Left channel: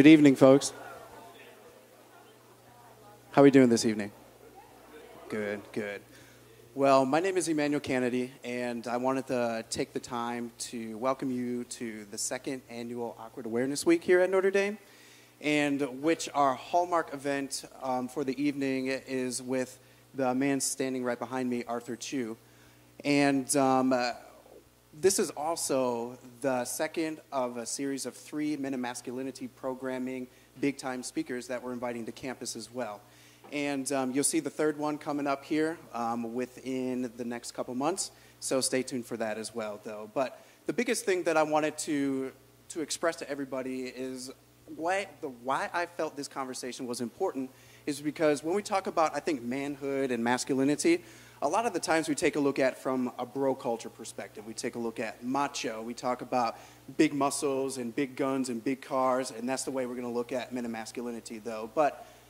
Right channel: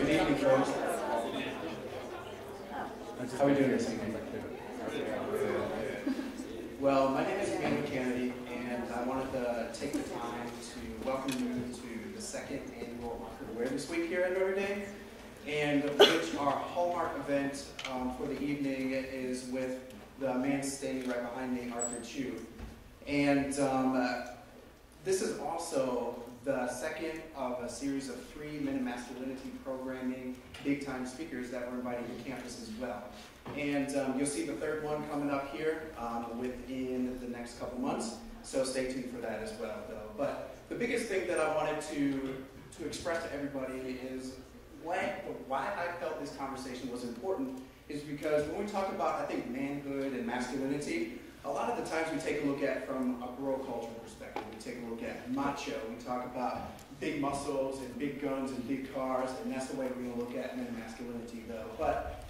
Good evening, folks. How are we doing this evening? Good, good. Well, my name is Emmanuel Kennedy, and I wanted to take the time to welcome you to the second annual Awkward Awareness Week here at Notre Dame, and which our hallmark event for the evening is with the man standing right behind me, Arthur Chu. And this is also the second of a series of 3 Men in Masculinity programming big-time speakers that we're inviting to campus as well. And you'll see the third one coming up here within the next couple months, so stay tuned for that as well, though. But the biggest thing that I wanted to express to everybody is why I felt this conversation was important is because when we talk about, I think, manhood and masculinity, a lot of the times we take a look at from a bro culture perspective. We take a look at macho. We talk about big muscles and big guns and big cars, and that's the way we're going to look at men and masculinity, though. But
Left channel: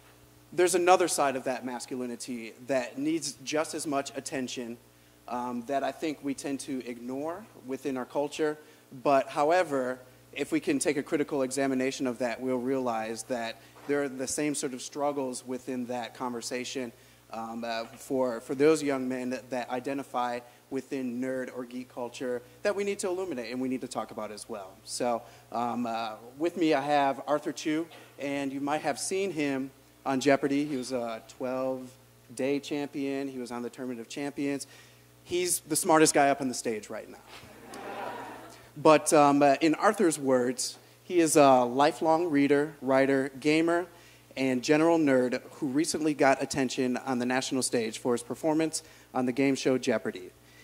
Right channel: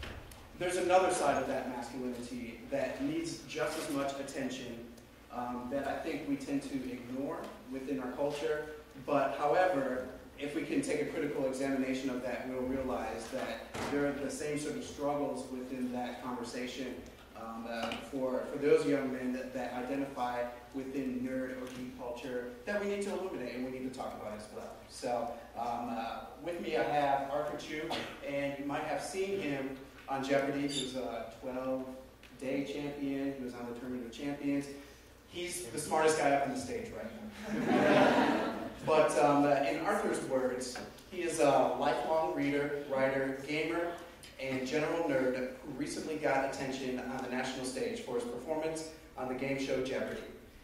there's another side of that masculinity that needs just as much attention that I think we tend to ignore within our culture. But however, if we can take a critical examination of that, we'll realize that there are the same sort of struggles within that conversation for those young men that identify within nerd or geek culture that we need to illuminate and we need to talk about as well. So with me I have Arthur Chu, and you might have seen him on Jeopardy. He was a 12-day champion. He was on the Tournament of Champions. He's the smartest guy up on the stage right now. But in Arthur's words, he is a lifelong reader, writer, gamer, and general nerd who recently got attention on the national stage for his performance on the game show Jeopardy.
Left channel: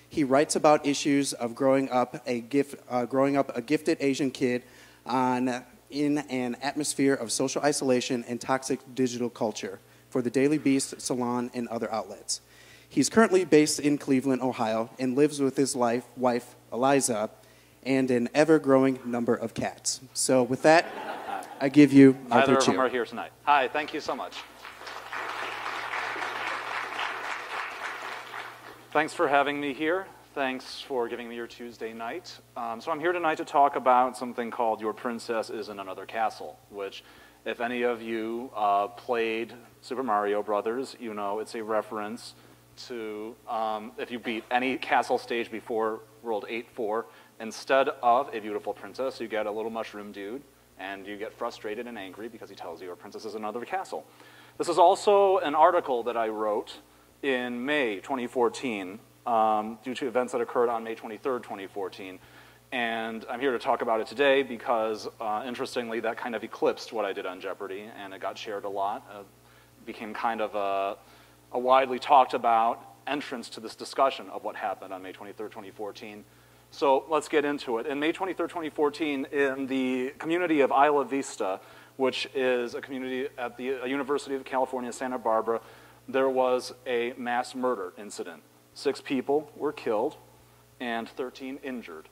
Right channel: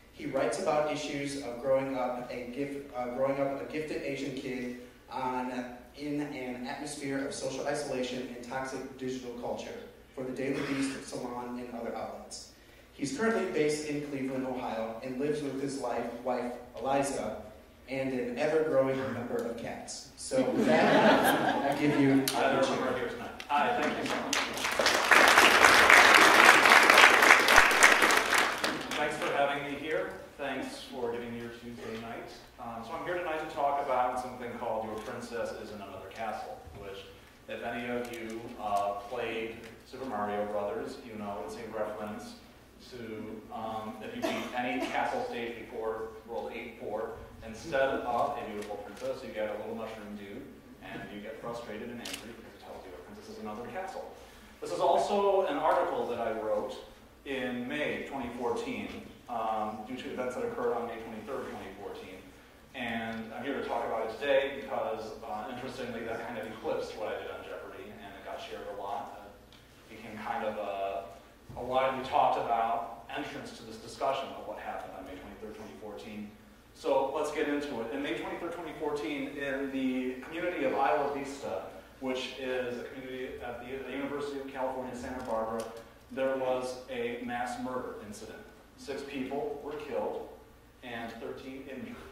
He writes about issues of growing up a gifted Asian kid in an atmosphere of social isolation and toxic digital culture for the Daily Beast, Salon, and other outlets. He's currently based in Cleveland, Ohio, and lives with his wife, Eliza, and an ever-growing number of cats. So with that, I give you Arthur Chu. Either of them are here tonight. Hi, thank you so much. Thanks for having me here. Thanks for giving me your Tuesday night. So I'm here tonight to talk about something called Your Princess is in Another Castle, which if any of you played Super Mario Brothers, you know it's a reference to if you beat any castle stage before World 8-4, instead of a beautiful princess, you get a little mushroom dude, and you get frustrated and angry because he tells you a princess is another castle. This is also an article that I wrote in May 2014 due to events that occurred on May 23rd, 2014. And I'm here to talk about it today because, interestingly, that kind of eclipsed what I did on Jeopardy, and it got shared a lot. It became kind of a widely talked about entrance to this discussion of what happened on May 23rd, 2014. So let's get into it. In May 23rd, 2014, in the community of Isla Vista, which is a community at the University of California, Santa Barbara, there was a mass murder incident. 6 people were killed and 13 injured.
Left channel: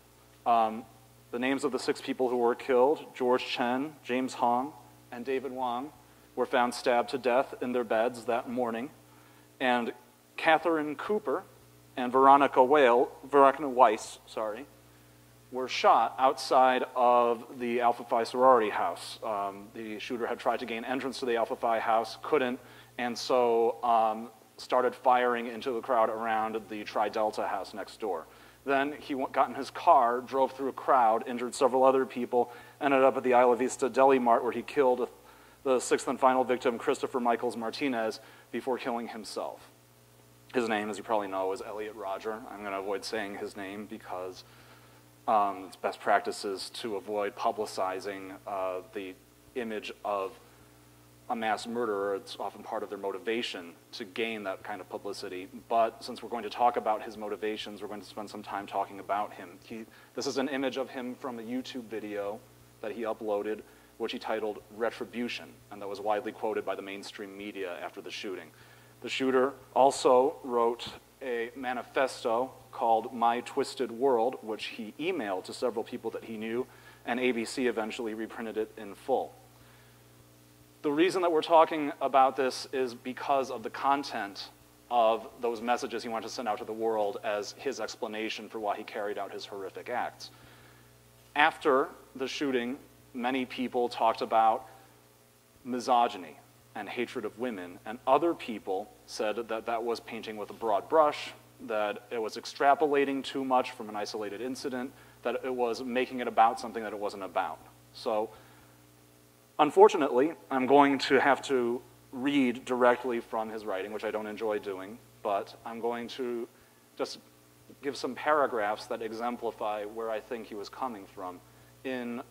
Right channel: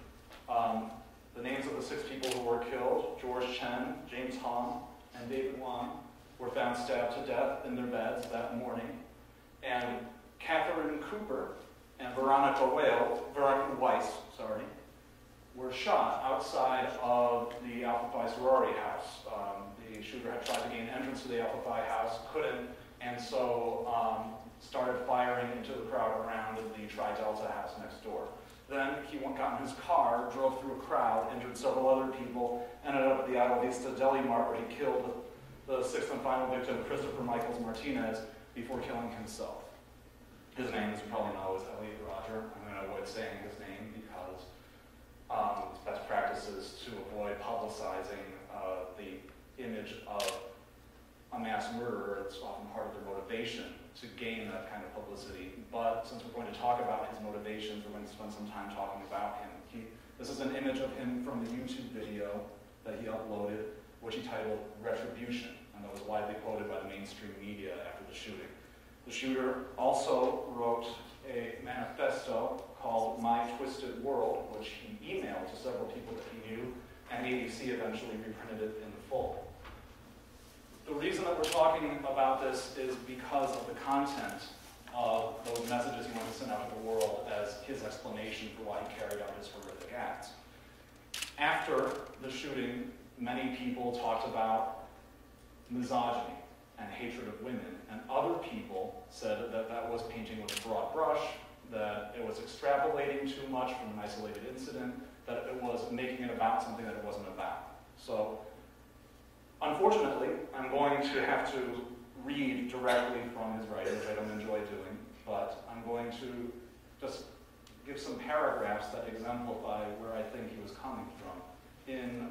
The names of the 6 people who were killed, George Chen, James Hong, and David Wong, were found stabbed to death in their beds that morning. And Catherine Cooper and Veronica Weiss, were shot outside of the Alpha Phi sorority house. The shooter had tried to gain entrance to the Alpha Phi house, couldn't, and so started firing into the crowd around the Tri Delta house next door. Then he got in his car, drove through a crowd, injured several other people, ended up at the Isla Vista Deli Mart where he killed the 6th and final victim, Christopher Michaels Martinez, before killing himself. His name, as you probably know, is Elliot Rodger. I'm going to avoid saying his name because it's best practices to avoid publicizing the image of a mass murderer. It's often part of their motivation to gain that kind of publicity. But since we're going to talk about his motivations, we're going to spend some time talking about him. This is an image of him from a YouTube video that he uploaded, which he titled Retribution, and that was widely quoted by the mainstream media after the shooting. The shooter also wrote a manifesto called My Twisted World, which he emailed to several people that he knew, and ABC eventually reprinted it in full. The reason that we're talking about this is because of the content of those messages he wanted to send out to the world as his explanation for why he carried out his horrific acts. After the shooting, many people talked about misogyny and hatred of women, and other people said that that was painting with a broad brush, that it was extrapolating too much from an isolated incident, that it was making it about something that it wasn't about. So, unfortunately, I'm going to have to read directly from his writing, which I don't enjoy doing, but I'm going to just give some paragraphs that exemplify where I think he was coming from. In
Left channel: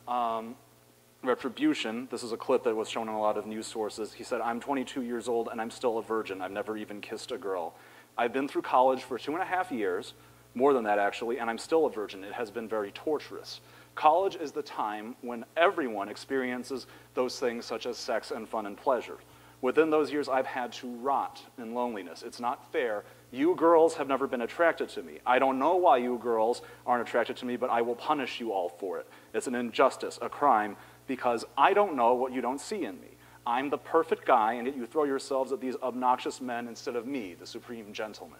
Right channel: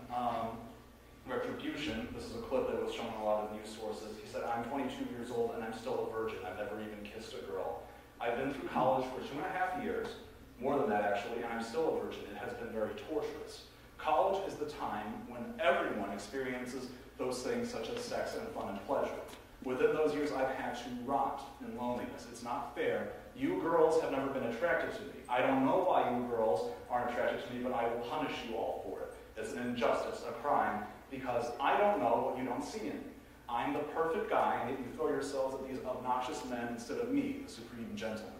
Retribution, this is a clip that was shown on a lot of news sources, he said, "I'm 22 years old and I'm still a virgin. I've never even kissed a girl. I've been through college for 2.5 years, more than that actually, and I'm still a virgin. It has been very torturous. College is the time when everyone experiences those things such as sex and fun and pleasure. Within those years, I've had to rot in loneliness. It's not fair. You girls have never been attracted to me. I don't know why you girls aren't attracted to me, but I will punish you all for it. It's an injustice, a crime, because I don't know what you don't see in me. I'm the perfect guy, and yet you throw yourselves at these obnoxious men instead of me, the supreme gentleman."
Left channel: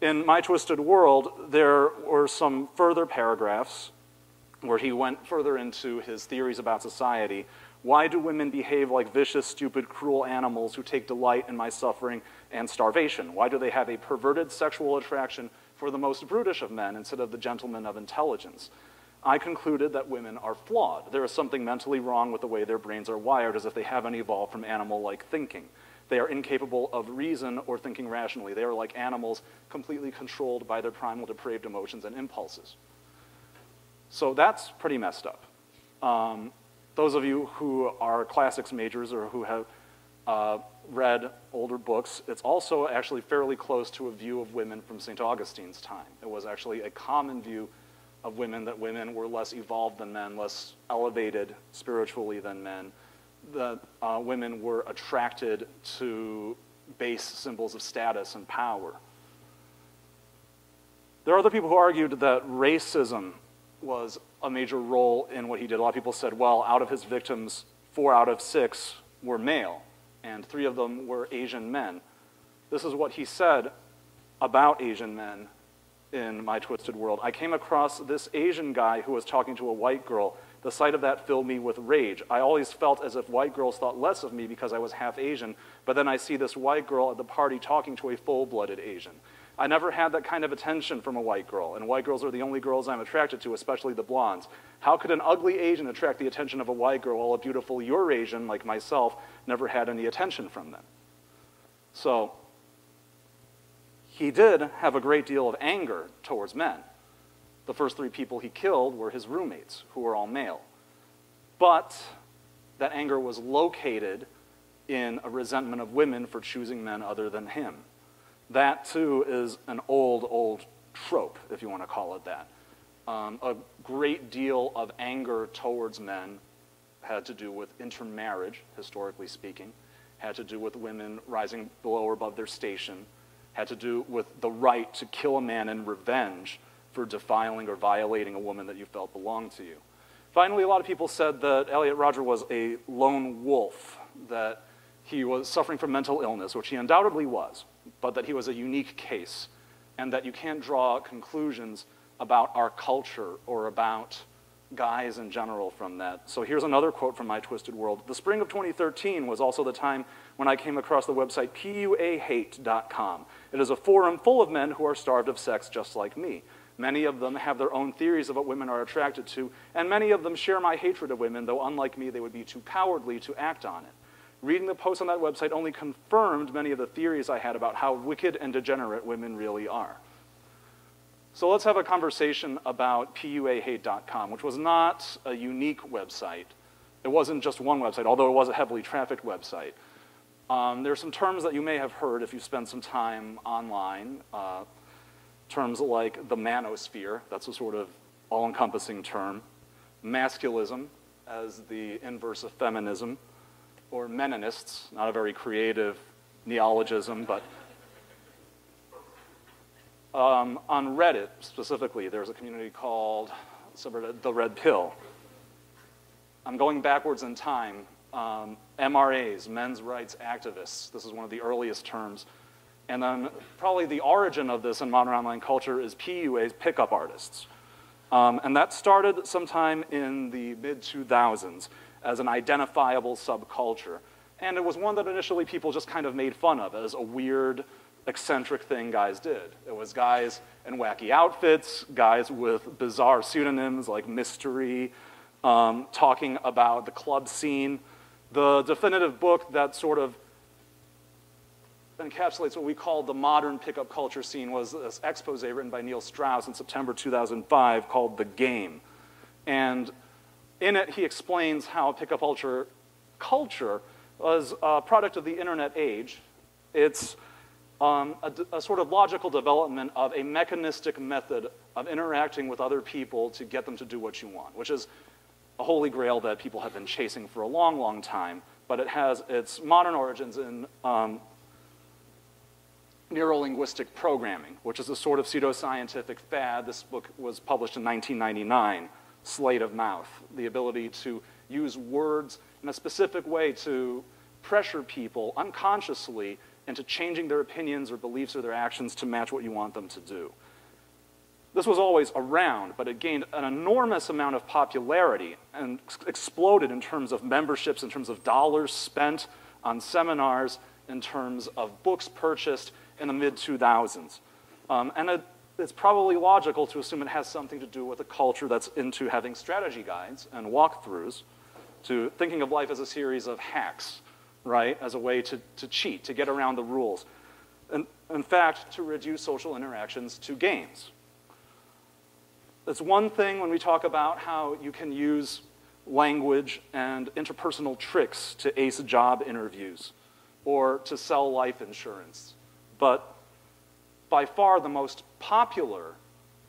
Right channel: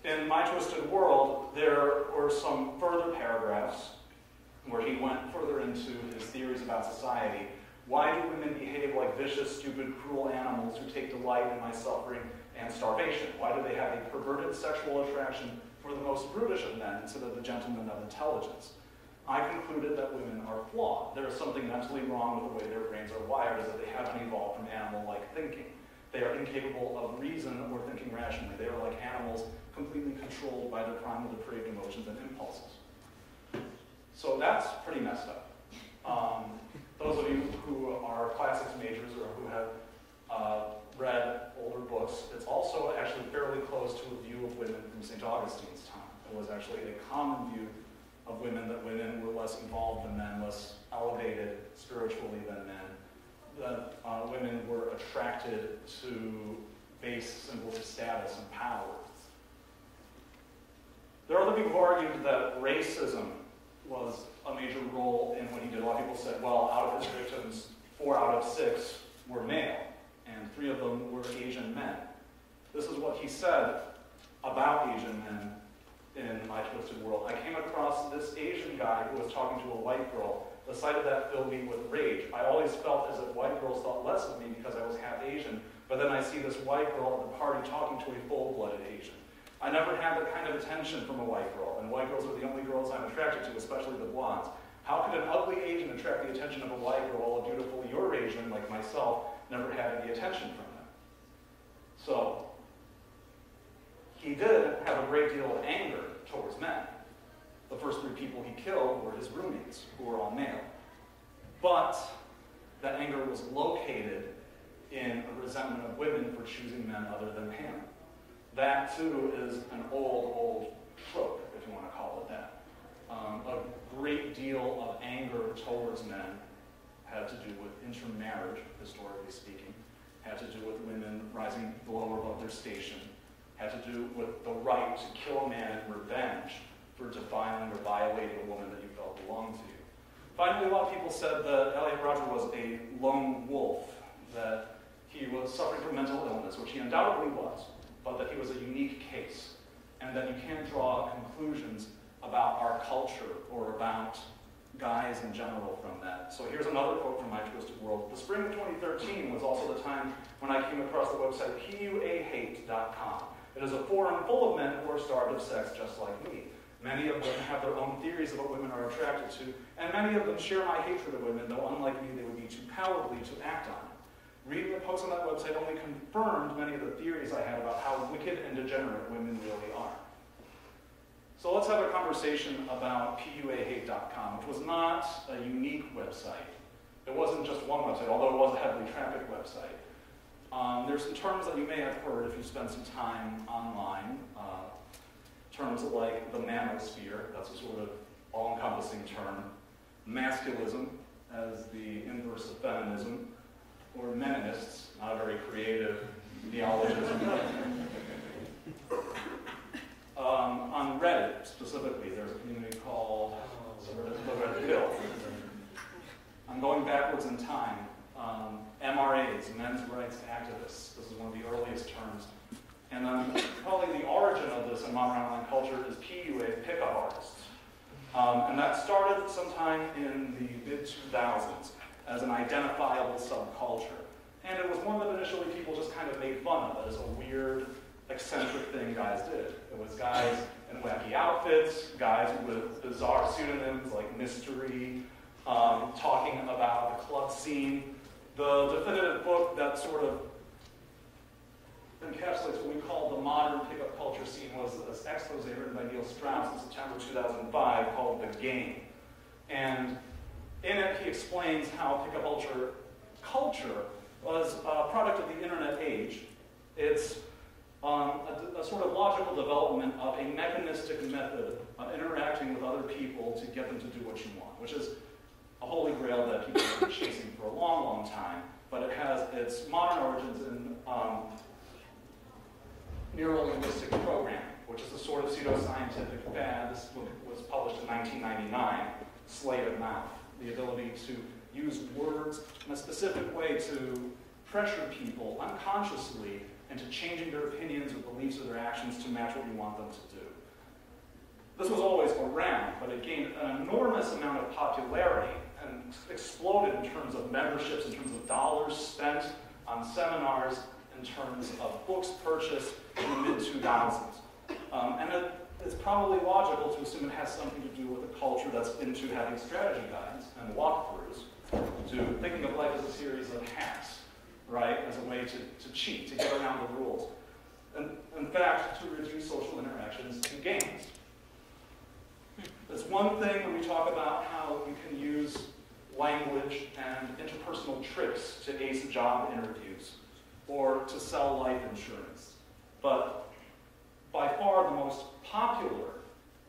In My Twisted World, there were some further paragraphs where he went further into his theories about society. Why do women behave like vicious, stupid, cruel animals who take delight in my suffering and starvation? Why do they have a perverted sexual attraction for the most brutish of men instead of the gentlemen of intelligence? I concluded that women are flawed. There is something mentally wrong with the way their brains are wired, as if they haven't evolved from animal-like thinking. They are incapable of reason or thinking rationally. They are like animals, completely controlled by their primal depraved emotions and impulses. So that's pretty messed up. Those of you who are classics majors or who have read older books, it's also actually fairly close to a view of women from St. Augustine's time. It was actually a common view of women that women were less evolved than men, less elevated spiritually than men, that women were attracted to base symbols of status and power. There are other people who argued that racism was a major role in what he did. A lot of people said, well, out of his victims, 4 out of 6 were male, and 3 of them were Asian men. This is what he said about Asian men in My Twisted World. "I came across this Asian guy who was talking to a white girl. The sight of that filled me with rage. I always felt as if white girls thought less of me because I was half Asian, but then I see this white girl at the party talking to a full-blooded Asian. I never had that kind of attention from a white girl, and white girls are the only girls I'm attracted to, especially the blondes. How could an ugly Asian attract the attention of a white girl while a beautiful Eurasian, like myself, never had any attention from them?" So, he did have a great deal of anger towards men. The first 3 people he killed were his roommates, who were all male. But that anger was located in a resentment of women for choosing men other than him. That, too, is an old trope, if you want to call it that. A great deal of anger towards men had to do with intermarriage, historically speaking, had to do with women rising below or above their station, had to do with the right to kill a man in revenge for defiling or violating a woman that you felt belonged to you. Finally, a lot of people said that Elliot Rodger was a lone wolf, that he was suffering from mental illness, which he undoubtedly was, but that he was a unique case, and that you can't draw conclusions about our culture or about guys in general from that. So here's another quote from My Twisted World. "The spring of 2013 was also the time when I came across the website puahate.com. It is a forum full of men who are starved of sex just like me. Many of them have their own theories of what women are attracted to, and many of them share my hatred of women, though unlike me, they would be too cowardly to act on it. Reading the posts on that website only confirmed many of the theories I had about how wicked and degenerate women really are." So let's have a conversation about puahate.com, which was not a unique website. It wasn't just one website, although it was a heavily trafficked website. There's some terms that you may have heard if you spent some time online. Terms like the manosphere, that's a sort of all-encompassing term. Masculism as the inverse of feminism. Or meninists, not a very creative neologism, but on Reddit specifically, there's a community called the Red Pill. I'm going backwards in time. MRAs, men's rights activists, this is one of the earliest terms. And then probably the origin of this in modern online culture is PUAs, pickup artists. And that started sometime in the mid-2000s. as an identifiable subculture. And it was one that initially people just kind of made fun of as a weird, eccentric thing guys did. It was guys in wacky outfits, guys with bizarre pseudonyms like Mystery, talking about the club scene. The definitive book that sort of encapsulates what we call the modern pickup culture scene was this expose written by Neil Strauss in September 2005 called The Game. And in it, he explains how pickup culture was a product of the internet age. It's a sort of logical development of a mechanistic method of interacting with other people to get them to do what you want, which is a holy grail that people have been chasing for a long, long time, but it has its modern origins in neurolinguistic programming, which is a sort of pseudoscientific fad. This book was published in 1999, Sleight of Mouth, the ability to use words in a specific way to pressure people unconsciously into changing their opinions or beliefs or their actions to match what you want them to do. This was always around, but it gained an enormous amount of popularity and exploded in terms of memberships, in terms of dollars spent on seminars, in terms of books purchased in the mid-2000s. And it's probably logical to assume it has something to do with a culture that's into having strategy guides and walkthroughs, to thinking of life as a series of hacks, right, as a way to cheat, to get around the rules. And in fact, to reduce social interactions to games. It's one thing when we talk about how you can use language and interpersonal tricks to ace job interviews or to sell life insurance. But by far the most popular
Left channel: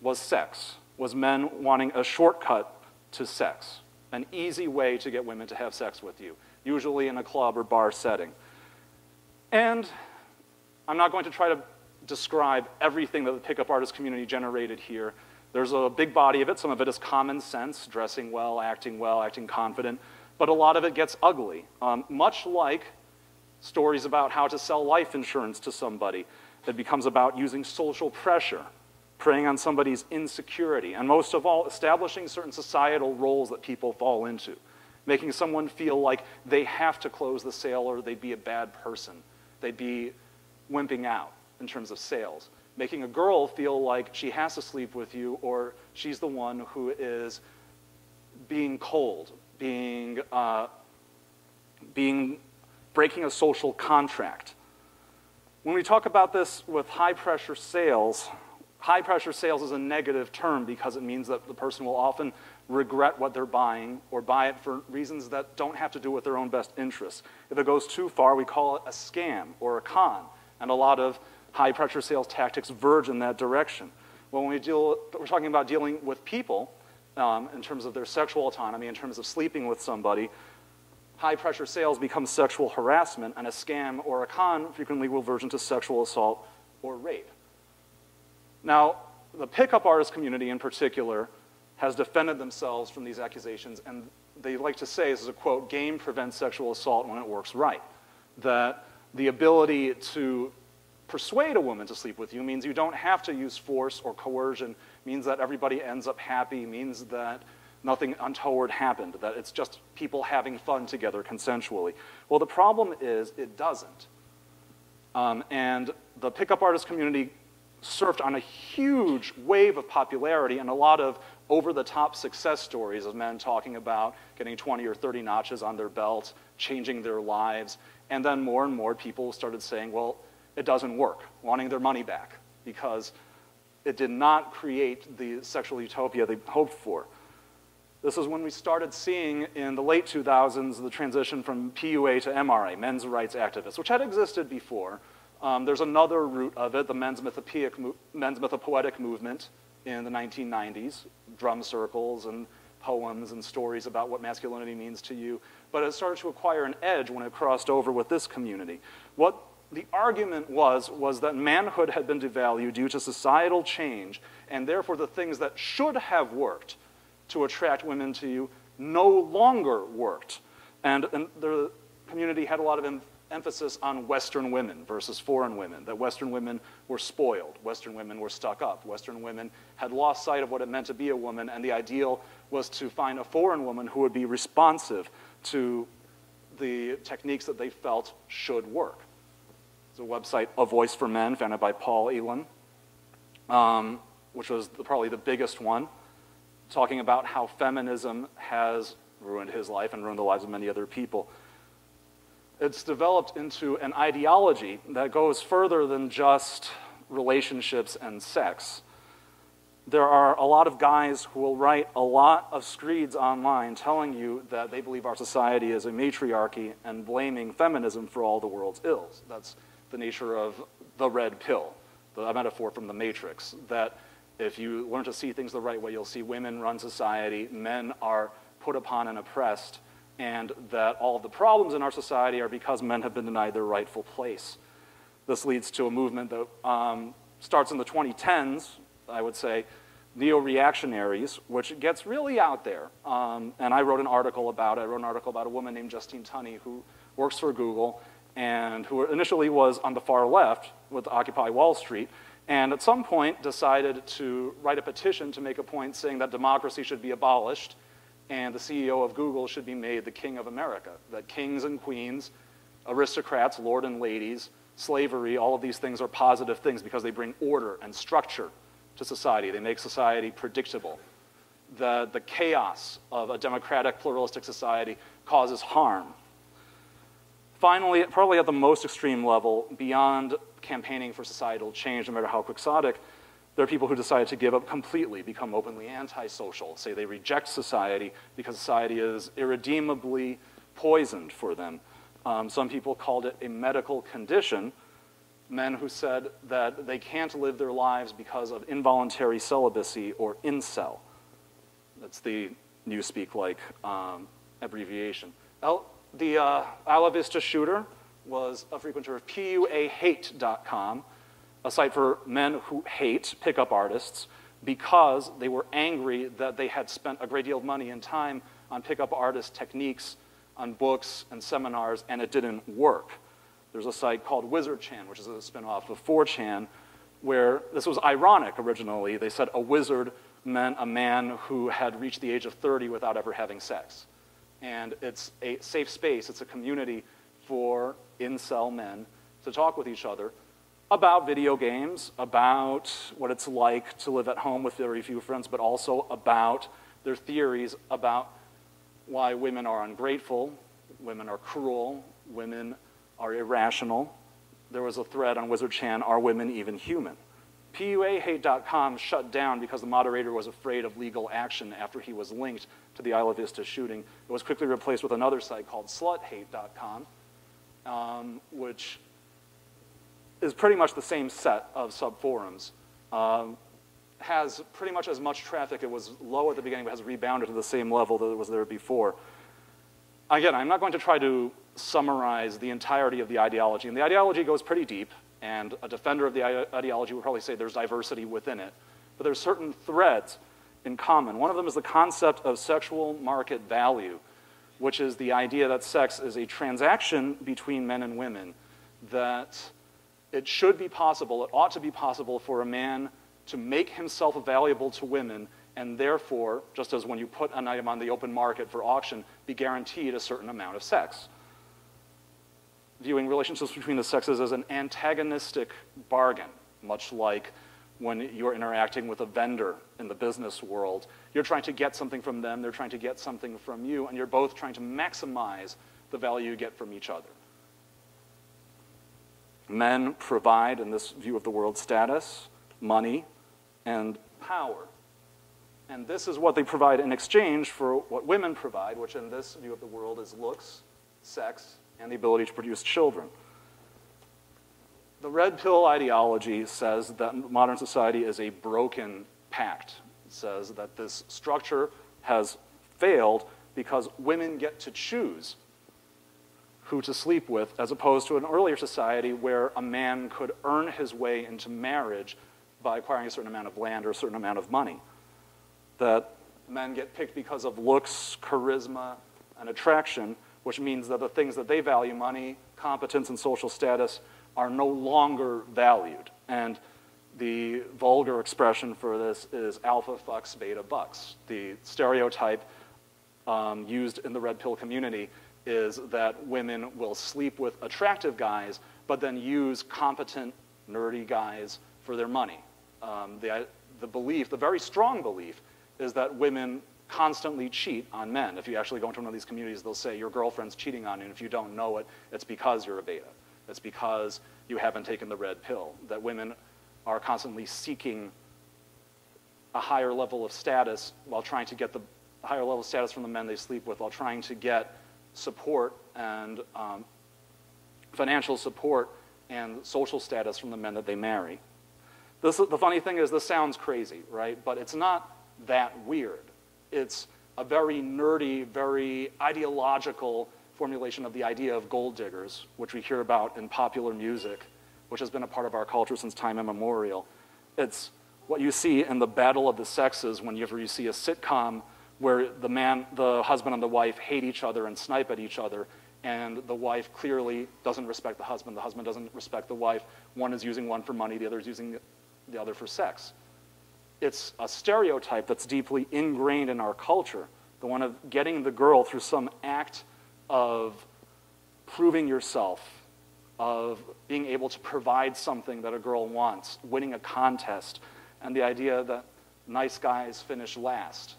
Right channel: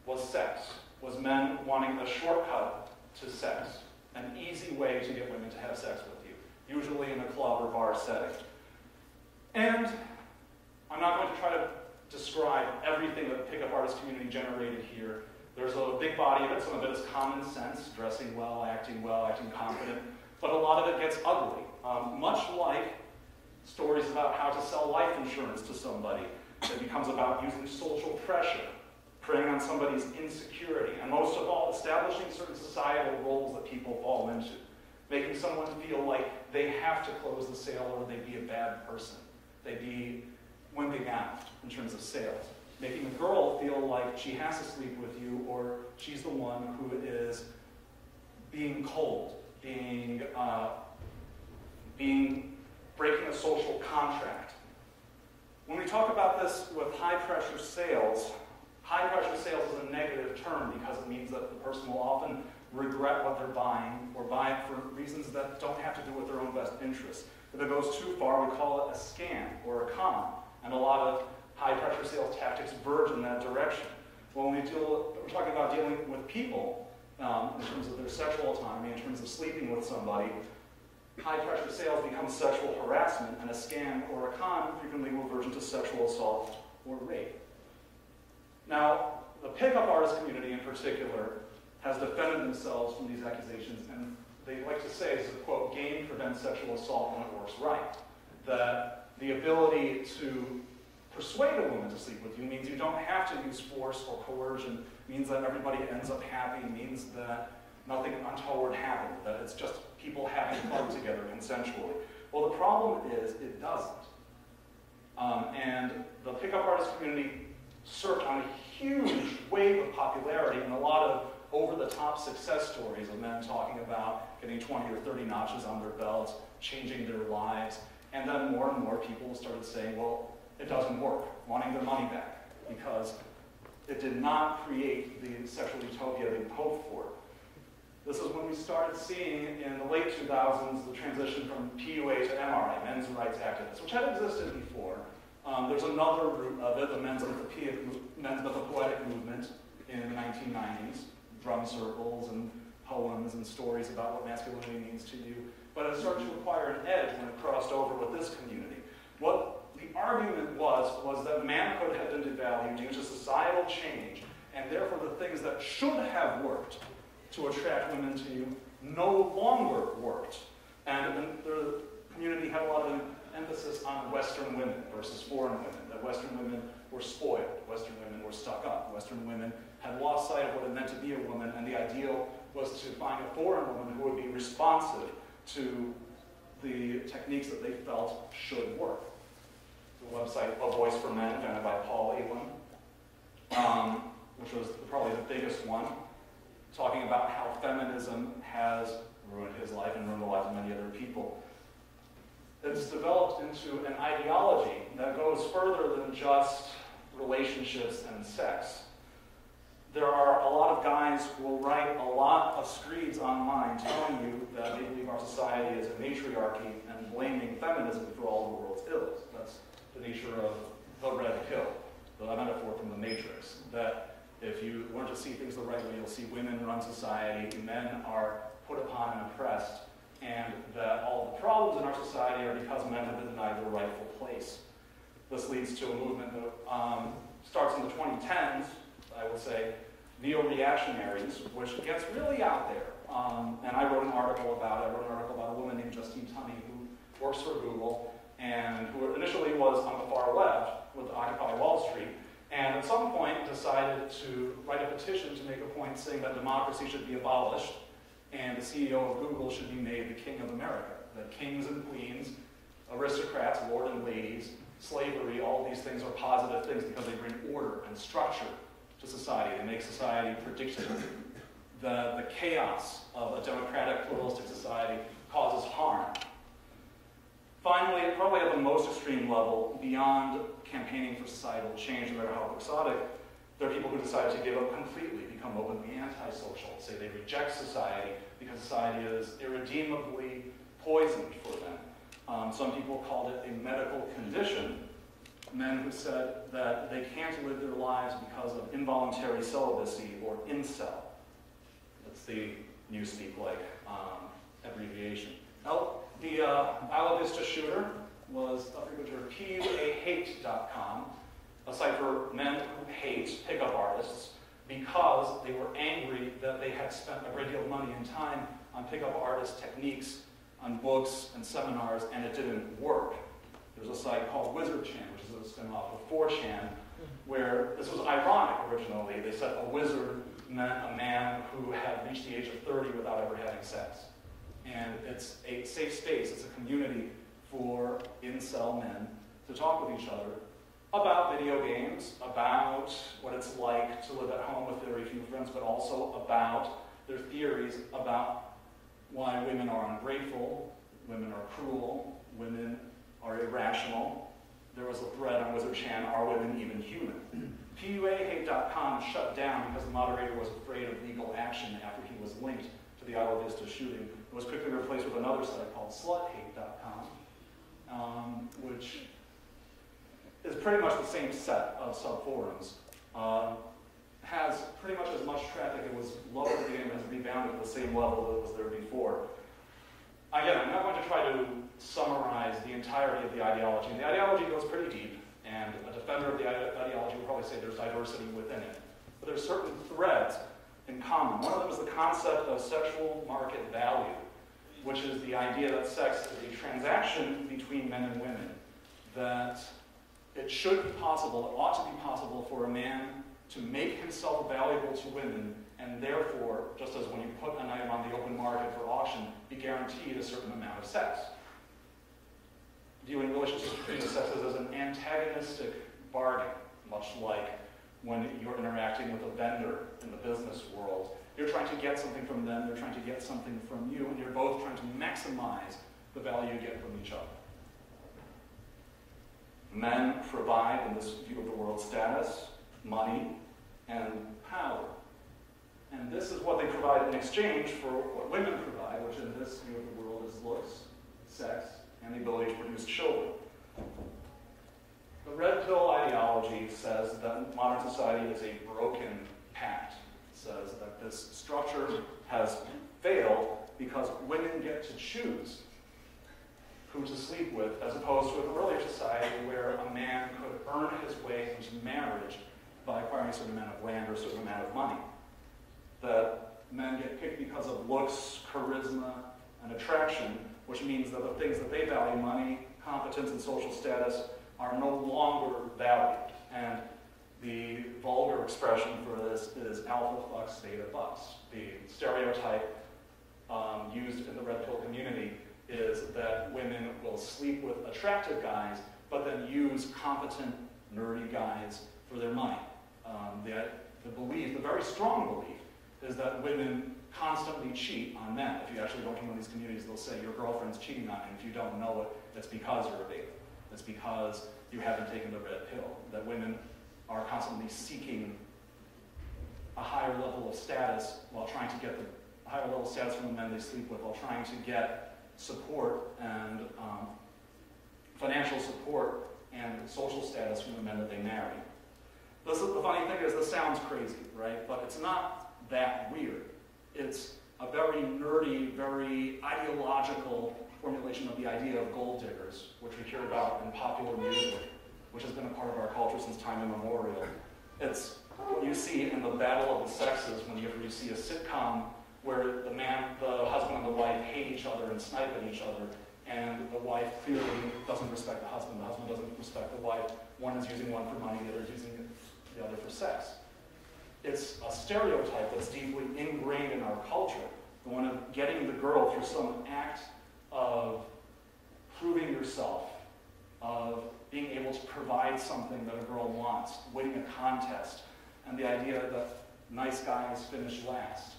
was sex, was men wanting a shortcut to sex, an easy way to get women to have sex with you, usually in a club or bar setting. And I'm not going to try to describe everything that the pickup artist community generated here. There's a big body of it. Some of it is common sense, dressing well, acting confident. But a lot of it gets ugly, much like stories about how to sell life insurance to somebody. It becomes about using social pressure, preying on somebody's insecurity, and most of all, establishing certain societal roles that people fall into, making someone feel like they have to close the sale or they'd be a bad person. They'd be wimping out in terms of sales. Making a girl feel like she has to sleep with you or she's the one who is being cold, breaking a social contract. When we talk about this with high-pressure sales is a negative term because it means that the person will often regret what they're buying or buy it for reasons that don't have to do with their own best interests. If it goes too far, we call it a scam or a con, and a lot of high-pressure sales tactics verge in that direction. But when we're talking about dealing with people in terms of their sexual autonomy, in terms of sleeping with somebody, high-pressure sales becomes sexual harassment, and a scam or a con frequently will verge into sexual assault or rape. Now, the pickup artist community in particular has defended themselves from these accusations, and they like to say, this is a quote, game prevents sexual assault when it works right. That the ability to persuade a woman to sleep with you means you don't have to use force or coercion, means that everybody ends up happy, means that nothing untoward happened, that it's just people having fun together consensually. Well, the problem is it doesn't. And the pickup artist community surfed on a huge wave of popularity and a lot of over-the-top success stories of men talking about getting 20 or 30 notches on their belts, changing their lives, and then more and more people started saying, well, it doesn't work, wanting their money back, because it did not create the sexual utopia they hoped for. This is when we started seeing in the late 2000s the transition from PUA to MRA, men's rights activists, which had existed before. There's another root of it, the men's mythopoetic movement in the 1990s, drum circles and poems and stories about what masculinity means to you. But it started to acquire an edge when it crossed over with this community. What the argument was that manhood had been devalued due to societal change, and therefore the things that should have worked to attract women to you no longer worked. And the community had a lot of emphasis on Western women versus foreign women, that Western women were spoiled, Western women were stuck up, Western women had lost sight of what it meant to be a woman, and the ideal was to find a foreign woman who would be responsive to the techniques that they felt should work. There's a website, A Voice for Men, founded by Paul Elan, which was probably the biggest one, talking about how feminism has ruined his life and ruined the lives of many other people. It's developed into an ideology that goes further than just relationships and sex. There are a lot of guys who will write a lot of screeds online telling you that they believe our society is a matriarchy and blaming feminism for all the world's ills. That's the nature of the red pill, a metaphor from the Matrix, that if you learn to see things the right way, you'll see women run society, men are put upon and oppressed, and that all of the problems in our society are because men have been denied their rightful place. This leads to a movement that starts in the 2010s, I would say, neo-reactionaries, which gets really out there. And I wrote an article about it. I wrote an article about a woman named Justine Tunney who works for Google and who initially was on the far left with Occupy Wall Street, and at some point decided to write a petition to make a point saying that democracy should be abolished and the CEO of Google should be made the king of America, that kings and queens, aristocrats, lord and ladies, slavery, all of these things are positive things because they bring order and structure to society. They make society predictable. The chaos of a democratic, pluralistic society causes harm. Finally, probably at the most extreme level, beyond campaigning for societal change, no matter how quixotic, there are people who decide to give up completely, become openly antisocial, say they reject society because society is irredeemably poisoned for them. Some people called it a medical condition, men who said that they can't live their lives because of involuntary celibacy or incel. That's the Newspeak-like abbreviation. The Isla Vista shooter was a frequenter of puahate.com, a site for men who hate pickup artists because they were angry that they had spent a great deal of money and time on pickup artist techniques, on books and seminars, and it didn't work. There's a site called WizardChan, which is a spin-off of 4chan, where this was ironic originally. They said a wizard meant a man who had reached the age of 30 without ever having sex. And it's a safe space, it's a community for incel men to talk with each other about video games, about what it's like to live at home with very few friends, but also about their theories about why women are ungrateful, women are cruel, women are irrational. There was a thread on WizardChan, Are Women Even Human? PUAHate.com shut down because the moderator was afraid of legal action after he was linked to the Isla Vista shooting. It was quickly replaced with another site called sluthate.com, which is pretty much the same set of sub-forums. Has pretty much as much traffic. It was low at the beginning, but has rebounded to the same level that it was there before. Again, I'm not going to try to summarize the entirety of the ideology, and the ideology goes pretty deep, and a defender of the ideology would probably say there's diversity within it. But there's certain threads in common. One of them is the concept of sexual market value, which is the idea that sex is a transaction between men and women, that it should be possible, it ought to be possible for a man to make himself valuable to women, and therefore, just as when you put an item on the open market for auction, be guaranteed a certain amount of sex. Viewing relationships between the sexes as an antagonistic bargain, much like when you're interacting with a vendor in the business world. You're trying to get something from them, they're trying to get something from you, and you're both trying to maximize the value you get from each other. Men provide, in this view of the world, status, money, and power. And this is what they provide in exchange for what women provide, which in this view of the world is looks, sex, and the ability to produce children. The red pill ideology says that modern society is a broken pact. It says that this structure has failed because women get to choose who to sleep with, as opposed to an earlier society where a man could earn his way into marriage by acquiring a certain amount of land or a certain amount of money. That men get picked because of looks, charisma, and attraction, which means that the things that they value, money, competence, and social status, are no longer valued. And the vulgar expression for this is alpha fucks, beta bucks. The stereotype used in the red pill community is that women will sleep with attractive guys, but then use competent, nerdy guys for their money. The belief, the very strong belief, is that women constantly cheat on men. If you actually go into one of these communities, they'll say your girlfriend's cheating on you, and if you don't know it, it's because you're a beta. It's because you haven't taken the red pill. That women are constantly seeking a higher level of status while trying to get the higher level of status from the men they sleep with, while trying to get support and financial support and social status from the men that they marry. The funny thing is, this sounds crazy, right? But it's not that weird. It's a very nerdy, very ideological formulation of the idea of gold diggers, which we hear about in popular music, which has been a part of our culture since time immemorial. It's what you see in the battle of the sexes whenever you see a sitcom where the husband and the wife hate each other and snipe at each other, and the wife clearly doesn't respect the husband doesn't respect the wife. One is using one for money, the other is using the other for sex. It's a stereotype that's deeply ingrained in our culture, the one of getting the girl through some act of proving yourself, of being able to provide something that a girl wants, winning a contest, and the idea that nice guys finish last,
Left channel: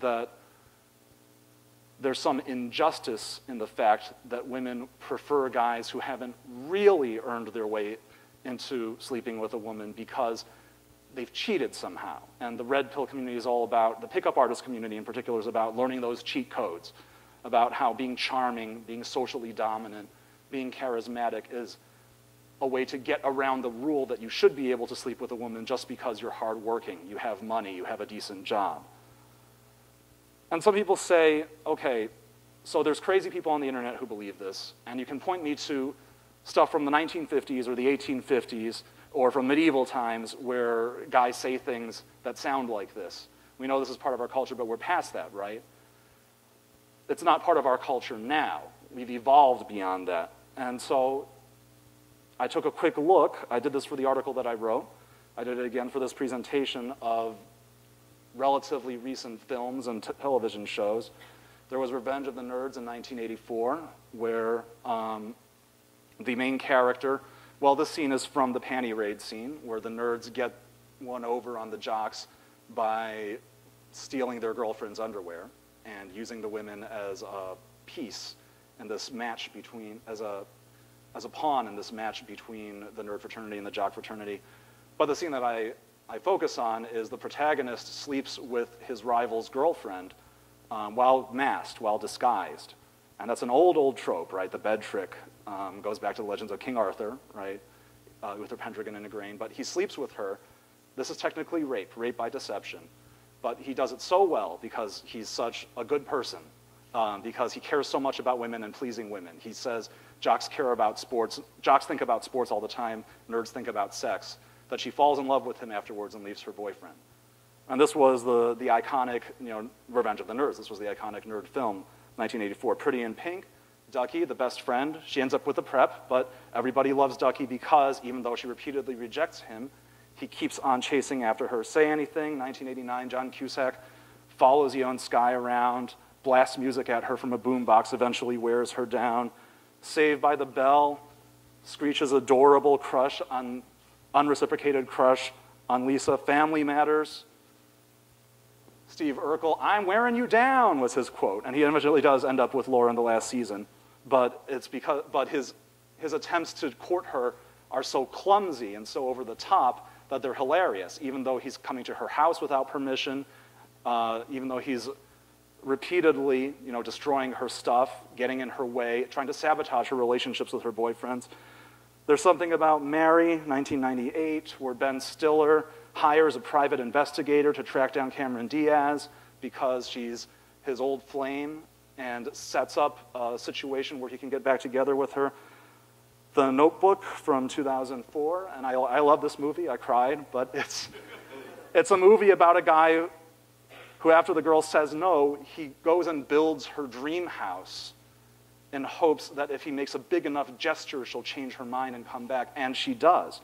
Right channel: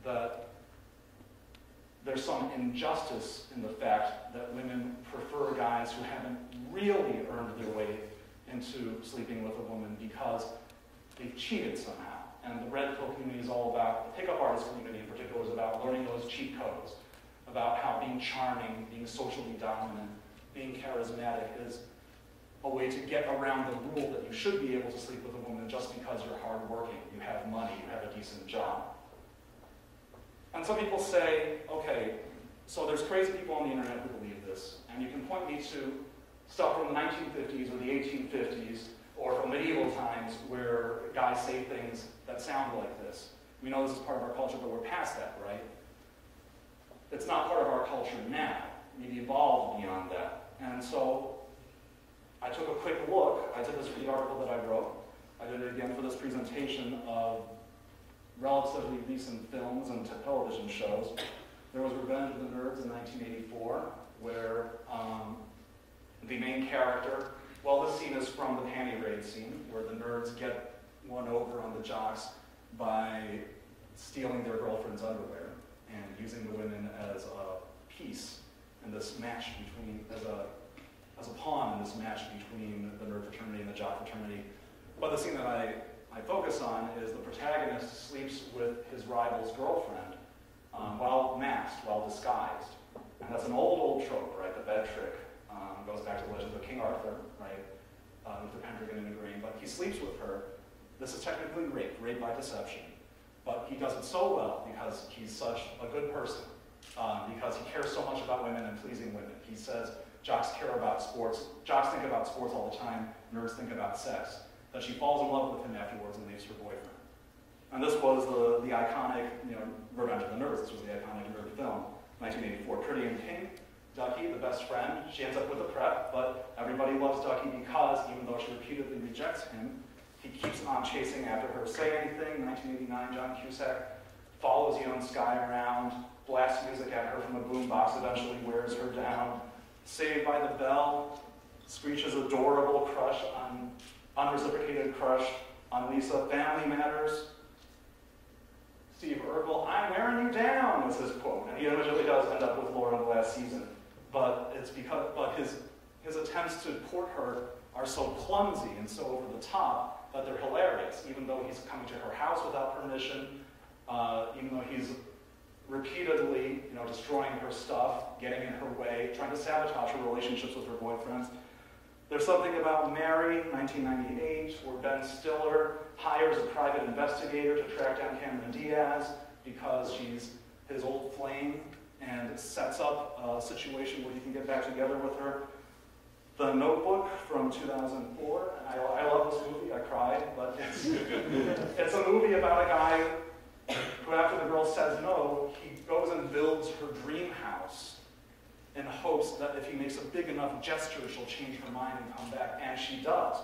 that there's some injustice in the fact that women prefer guys who haven't really earned their way into sleeping with a woman because they've cheated somehow. And the red pill community is all about, the pickup artist community in particular is about learning those cheat codes, about how being charming, being socially dominant, being charismatic is a way to get around the rule that you should be able to sleep with a woman just because you're hardworking, you have money, you have a decent job. And some people say, okay, so there's crazy people on the internet who believe this, and you can point me to stuff from the 1950s or the 1850s or from medieval times where guys say things that sound like this. We know this is part of our culture, but we're past that, right? It's not part of our culture now. We've evolved beyond that. And so I took a quick look. I did this for the article that I wrote. I did it again for this presentation of relatively recent films and television shows. There was Revenge of the Nerds in 1984, where the main character, well, this scene is from the panty raid scene, where the nerds get one over on the jocks by stealing their girlfriend's underwear and using the women as a piece in this match between, as a pawn in this match between the nerd fraternity and the jock fraternity. But the scene that I focus on is the protagonist sleeps with his rival's girlfriend while masked, while disguised. And that's an old trope, right? The bed trick goes back to the legends of King Arthur, right? Uther Pendragon and Igraine, but he sleeps with her. This is technically rape by deception. But he does it so well because he's such a good person, because he cares so much about women and pleasing women. He says jocks care about sports, jocks think about sports all the time, nerds think about sex, that she falls in love with him afterwards and leaves her boyfriend. And this was the iconic, Revenge of the Nerds. This was the iconic nerd film, 1984. Pretty in Pink, Ducky, the best friend. She ends up with the prep, but everybody loves Ducky because even though she repeatedly rejects him, he keeps on chasing after her. Say Anything, 1989, John Cusack follows Young Sky around, blasts music at her from a boombox, eventually wears her down. Saved by the Bell, Screech's adorable crush on, unreciprocated crush on Lisa. Family Matters, Steve Urkel, "I'm wearing you down," was his quote. And he eventually does end up with Laura in the last season. But his attempts to court her are so clumsy and so over the top that they're hilarious, even though he's coming to her house without permission, even though he's repeatedly destroying her stuff, getting in her way, trying to sabotage her relationships with her boyfriends. There's something about Mary, 1998, where Ben Stiller hires a private investigator to track down Cameron Diaz because she's his old flame and sets up a situation where he can get back together with her. The Notebook from 2004, and I love this movie, I cried, but it's a movie about a guy who, after the girl says no, he goes and builds her dream house in hopes that if he makes a big enough gesture, she'll change her mind and come back, and she does.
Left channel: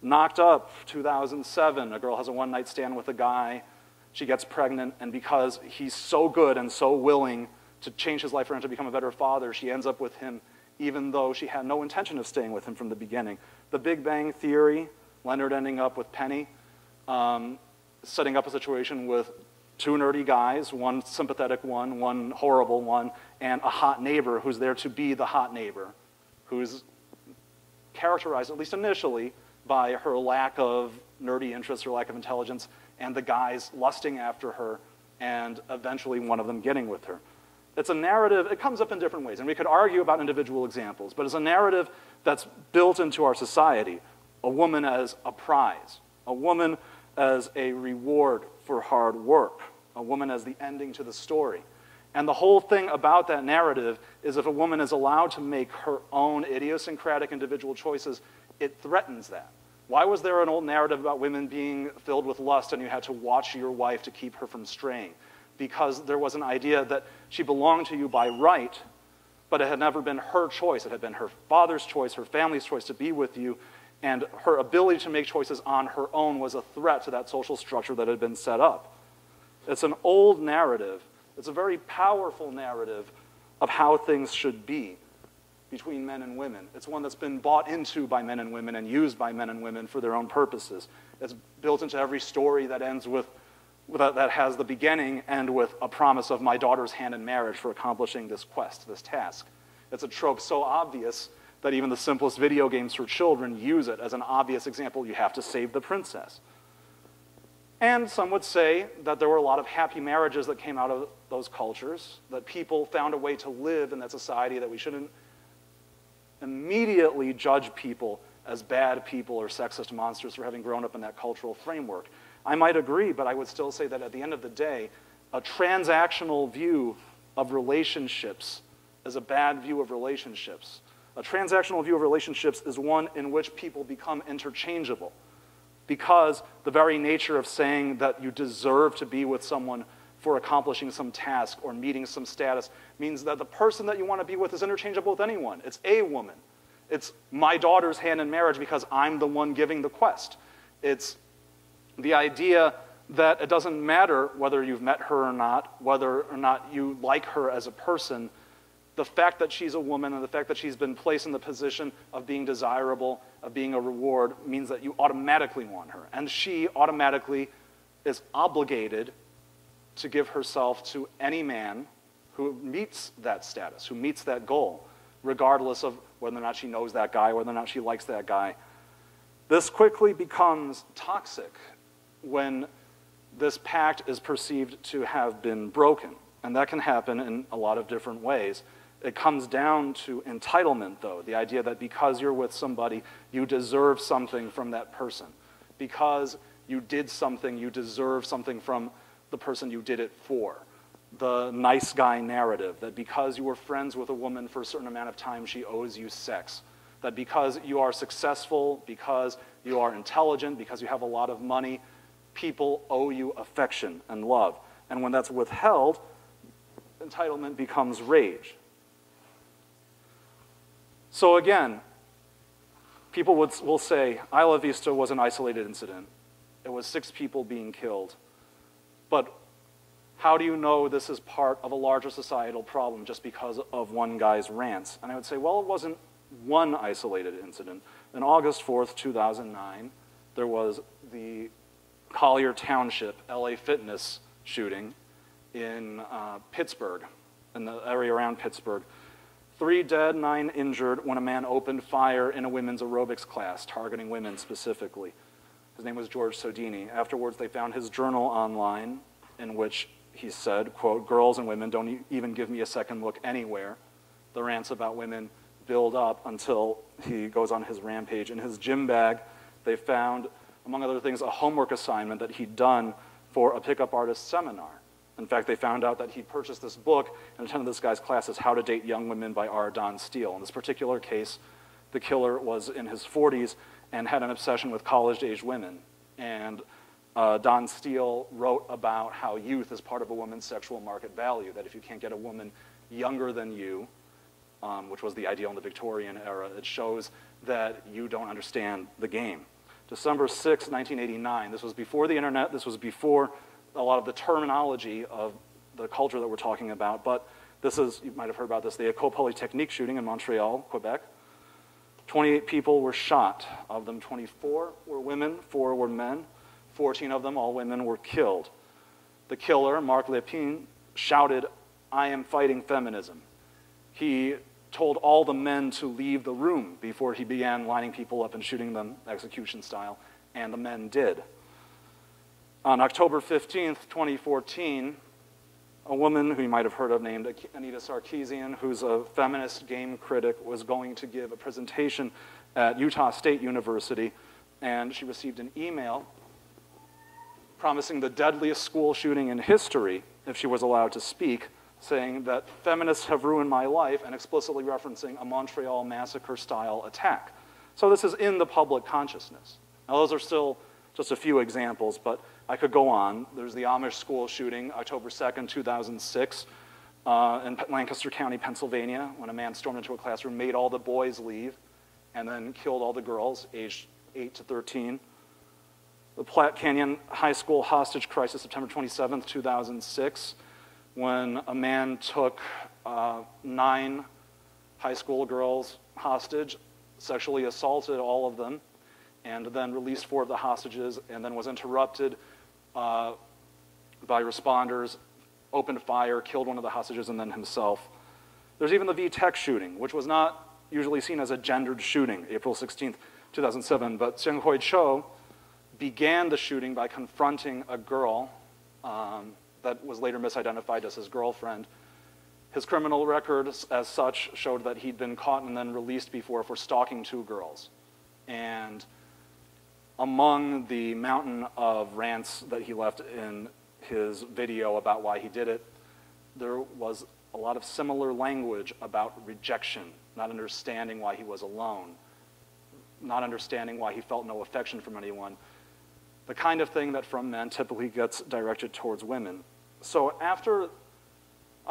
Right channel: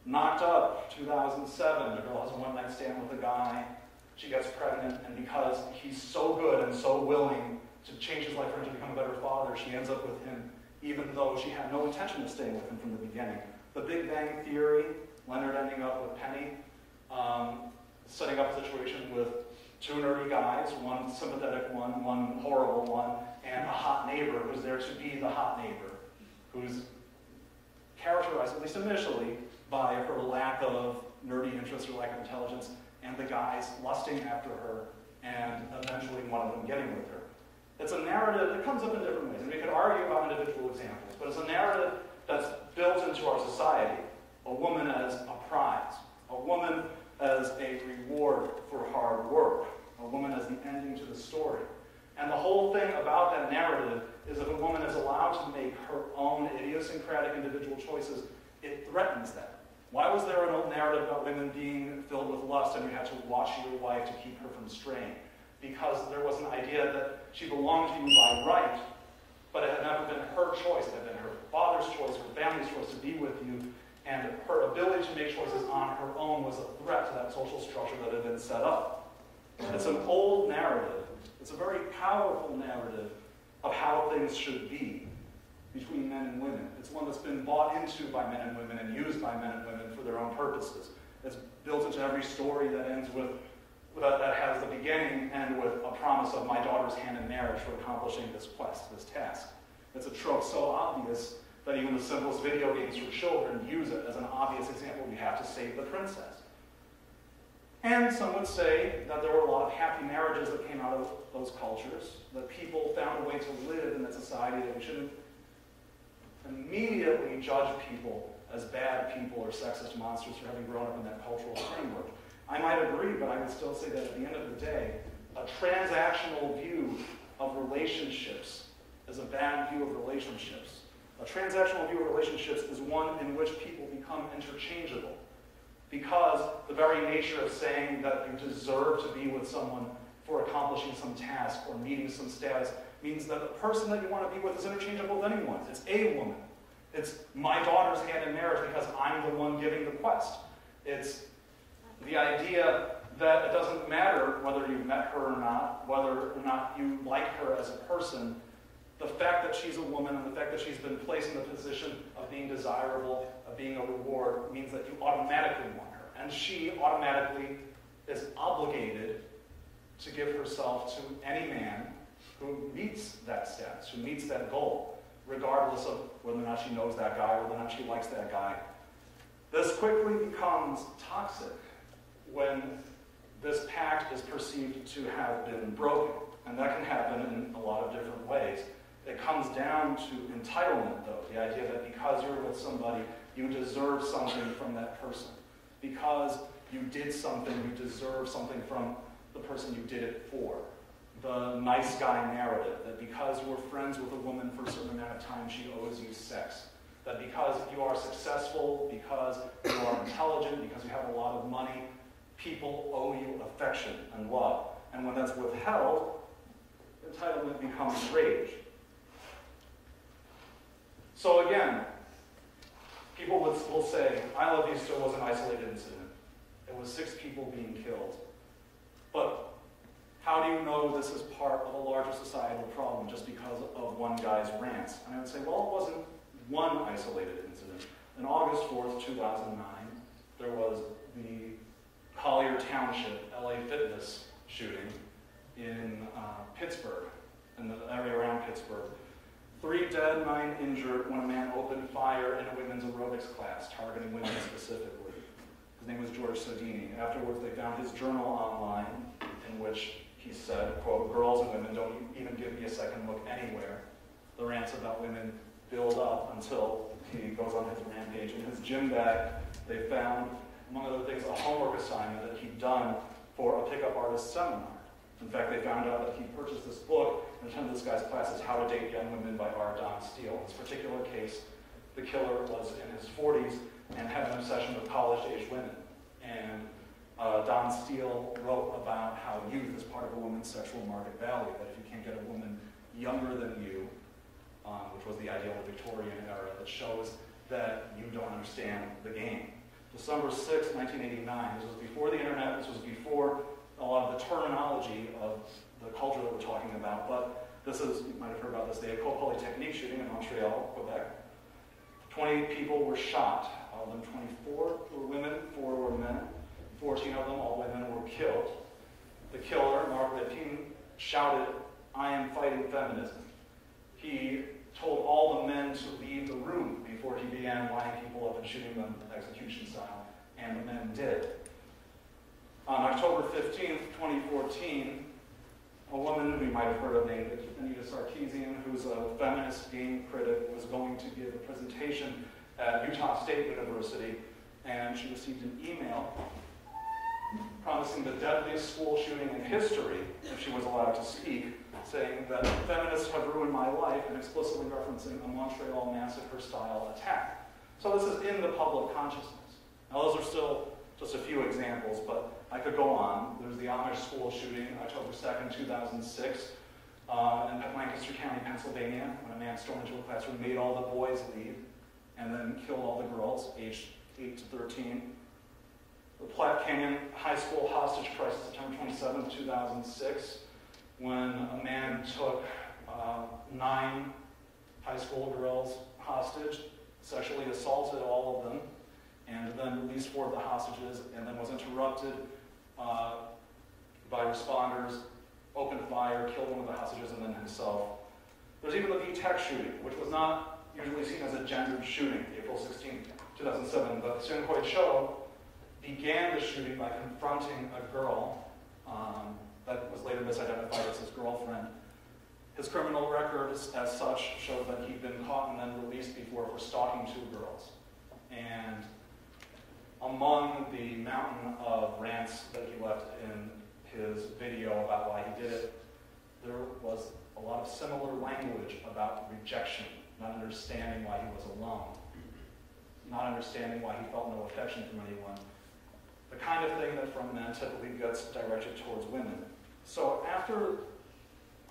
Knocked Up, 2007, a girl has a one-night stand with a guy, she gets pregnant, and because he's so good and so willing to change his life around to become a better father. She ends up with him even though she had no intention of staying with him from the beginning. The Big Bang Theory, Leonard ending up with Penny, setting up a situation with two nerdy guys, one sympathetic one horrible one, and a hot neighbor who's there to be the hot neighbor, who's characterized, at least initially, by her lack of nerdy interests, her lack of intelligence, and the guys lusting after her, and eventually one of them getting with her. It's a narrative, it comes up in different ways, and we could argue about individual examples, but it's a narrative that's built into our society. A woman as a prize, a woman as a reward for hard work, a woman as the ending to the story. And the whole thing about that narrative is if a woman is allowed to make her own idiosyncratic individual choices, it threatens that. Why was there an old narrative about women being filled with lust and you had to watch your wife to keep her from straying? Because there was an idea that she belonged to you by right, but it had never been her choice. It had been her father's choice, her family's choice to be with you, and her ability to make choices on her own was a threat to that social structure that had been set up. It's an old narrative. It's a very powerful narrative of how things should be between men and women. It's one that's been bought into by men and women and used by men and women for their own purposes. It's built into every story that ends with that has the beginning and with a promise of my daughter's hand in marriage for accomplishing this quest, this task. It's a trope so obvious that even the simplest video games for children use it as an obvious example. You have to save the princess. And some would say that there were a lot of happy marriages that came out of those cultures, that people found a way to live in that society, that we shouldn't immediately judge people as bad people or sexist monsters for having grown up in that cultural framework. I might agree, but I would still say that at the end of the day, a transactional view of relationships is a bad view of relationships. A transactional view of relationships is one in which people become interchangeable, because the very nature of saying that you deserve to be with someone for accomplishing some task or meeting some status means that the person that you want to be with is interchangeable with anyone. It's a woman. It's my daughter's hand in marriage because I'm the one giving the quest. It's the idea that it doesn't matter whether you've met her or not, whether or not you like her as a person. The fact that she's a woman and the fact that she's been placed in the position of being desirable, of being a reward, means that you automatically want her. And she automatically is obligated to give herself to any man who meets that status, who meets that goal, regardless of whether or not she knows that guy, whether or not she likes that guy. This quickly becomes toxic when this pact is perceived to have been broken. And that can happen in a lot of different ways. It comes down to entitlement, though, the idea that because you're with somebody, you deserve something from that person. Because you did something, you deserve something from the person you did it for. The nice guy narrative, that because you were friends with a woman for a certain amount of time, she owes you sex. That because you are successful, because you are intelligent, because you have a lot of money, people owe you affection and love. And when that's withheld, entitlement becomes rage. So again, people will say, Isla Vista was an isolated incident. It was 6 people being killed. But how do you know this is part of a larger societal problem just because of one guy's rants? And I would say, well, it wasn't one isolated incident. On August 4th, 2009, there was the Collier Township LA Fitness shooting in Pittsburgh, in the area around Pittsburgh. 3 dead, 9 injured when a man opened fire in a women's aerobics class, targeting women specifically. His name was George Sodini. Afterwards, they found his journal online in which he said, quote, "Girls and women don't even give me a second look anywhere." The rants about women build up until he goes on his rampage. In his gym bag, they found, among other things, a homework assignment that he'd done for a pickup artist seminar. In fact, they found out that he purchased this book and attended this guy's classes, How to Date Young Women by R. Don Steele. In this particular case, the killer was in his 40s and had an obsession with college-age women. And Don Steele wrote about how youth is part of a woman's sexual market value, that if you can't get a woman younger than you, which was the ideal in the Victorian era, it shows that you don't understand the game. December 6, 1989, this was before the internet, this was before a lot of the terminology of the culture that we're talking about, but This is, you might have heard about this, the École Polytechnique shooting in Montreal, Quebec. 28 people were shot. Of them, 24 were women, 4 were men. 14 of them, all women, were killed. The killer, Marc Lépine, shouted, "I am fighting feminism." He told all the men to leave the room before he began lining people up and shooting them execution style, and the men did. On October 15th, 2014, a woman who you might have heard of named Anita Sarkeesian, who's a feminist game critic, was going to give a presentation at Utah State University, and she received an email promising the deadliest school shooting in history if she was allowed to speak, saying that feminists have ruined my life, and explicitly referencing a Montreal massacre-style attack. So this is in the public consciousness. Now those are still just a few examples, but I could go on. There's the Amish school shooting, October 2nd, 2006, in Lancaster County, Pennsylvania, when a man stormed into a classroom, made all the boys leave, and then killed all the girls, aged 8 to 13. The Platte Canyon High School hostage crisis, September 27th, 2006, when a man took 9 high school girls hostage, sexually assaulted all of them, and then released 4 of the hostages, and then was interrupted by responders, opened fire, killed one of the hostages, and then himself. There's even the V-Tech shooting, which was not usually seen as a gendered shooting, April 16th, 2007, but Seung-Hoi Cho began the shooting by confronting a girl that was later misidentified as his girlfriend. His criminal record, as such, showed that he'd been caught and then released before for stalking 2 girls. And among the mountain of rants that he left in his video about why he did it, there was a lot of similar language about rejection, not understanding why he was alone, not understanding why he felt no affection from anyone. The kind of thing that from men typically gets directed towards women. So after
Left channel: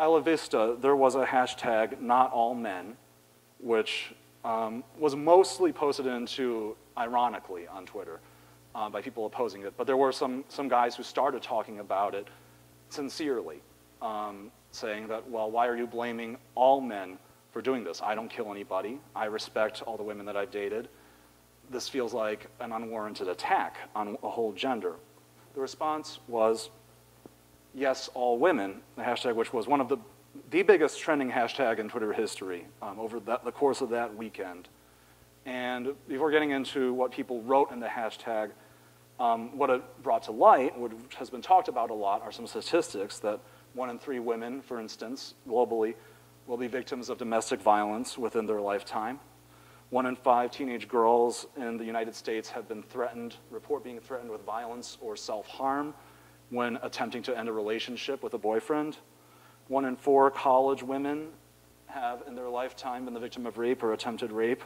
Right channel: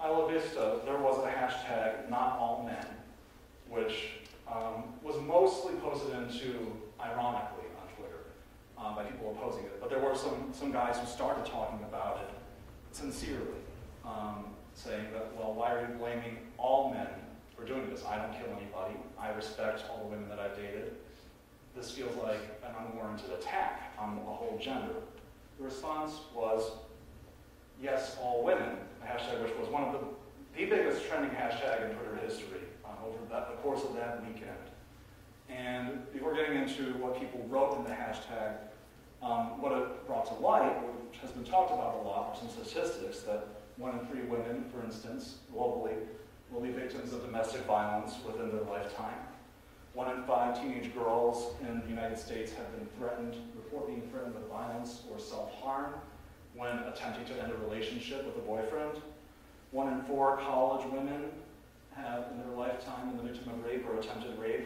Isla Vista, there was a hashtag, #NotAllMen, which was mostly posted into, ironically, on Twitter by people opposing it. But there were some guys who started talking about it sincerely, saying that, well, why are you blaming all men for doing this? I don't kill anybody. I respect all the women that I've dated. This feels like an unwarranted attack on a whole gender. The response was, yes, all women, the hashtag which was one of the biggest trending hashtag in Twitter history over the course of that weekend. And before getting into what people wrote in the hashtag, what it brought to light, which has been talked about a lot, are some statistics that 1 in 3 women, for instance, globally, will be victims of domestic violence within their lifetime. 1 in 5 teenage girls in the United States have been report being threatened with violence or self-harm when attempting to end a relationship with a boyfriend. 1 in 4 college women have in their lifetime been the victim of rape or attempted rape.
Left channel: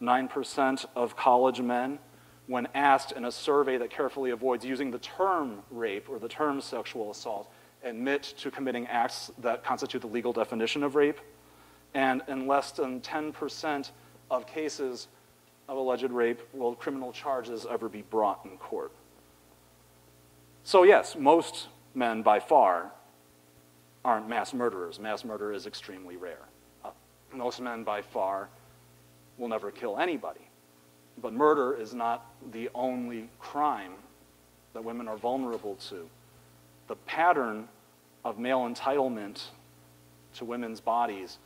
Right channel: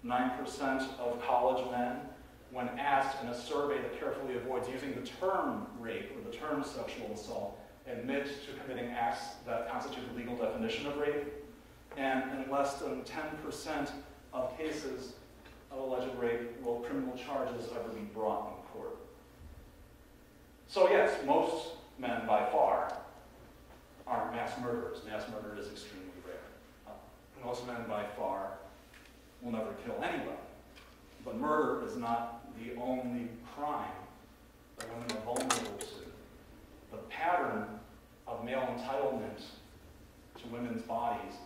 9% of college men, when asked in a survey that carefully avoids using the term rape or the term sexual assault, admit to committing acts that constitute the legal definition of rape. And in less than 10% of cases of alleged rape will criminal charges ever be brought in court. So yes, most men by far aren't mass murderers. Mass murder is extremely rare. Most men by far will never kill anybody. But murder is not the only crime that women are vulnerable to. The pattern of male entitlement to women's bodies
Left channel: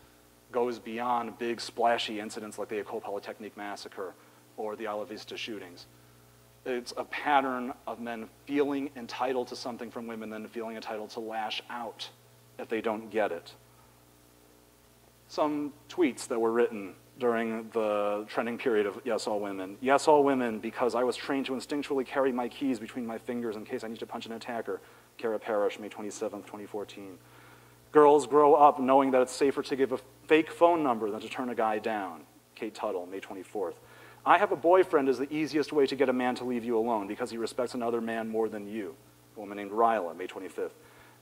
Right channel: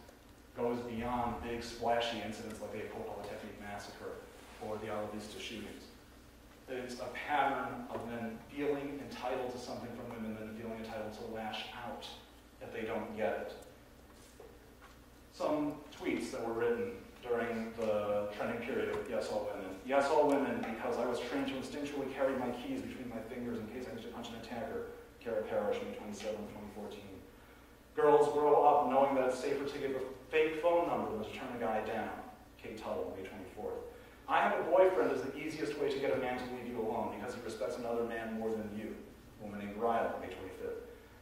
goes beyond big splashy incidents like the École Polytechnique massacre or the Isla Vista shootings. It's a pattern of men feeling entitled to something from women, then feeling entitled to lash out if they don't get it. Some tweets that were written during the trending period of Yes, All Women. Yes, all women, because I was trained to instinctually carry my keys between my fingers in case I need to punch an attacker. Kara Parrish, May 27, 2014. Girls grow up knowing that it's safer to give a fake phone number than to turn a guy down. Kate Tuttle, May 24th. I have a boyfriend is the easiest way to get a man to leave you alone because he respects another man more than you. A woman named Ryla, May 25th.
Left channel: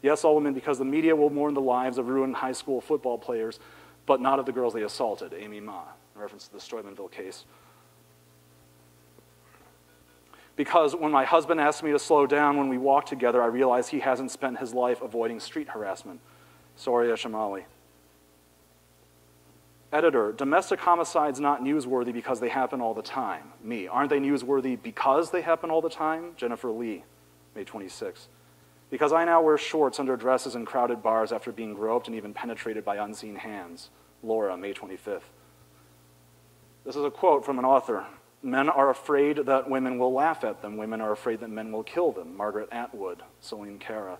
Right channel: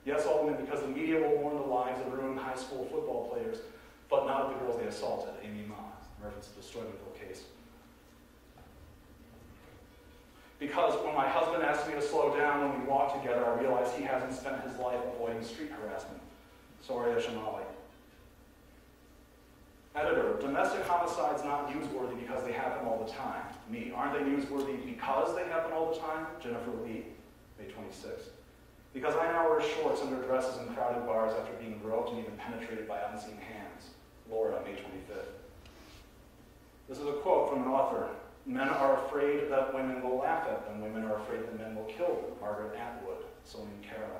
Yes, all women, because the media will mourn the lives of ruined high school football players, but not of the girls they assaulted. Amy Ma, in reference to the Steubenville case. Because when my husband asked me to slow down when we walk together, I realized he hasn't spent his life avoiding street harassment. Soria Shamali. Editor, domestic homicides not newsworthy because they happen all the time. Me, aren't they newsworthy because they happen all the time? Jennifer Lee, May 26. Because I now wear shorts under dresses in crowded bars after being groped and even penetrated by unseen hands. Laura, May 25th. This is a quote from an author. Men are afraid that women will laugh at them. Women are afraid that men will kill them. Margaret Atwood, Celine Cara.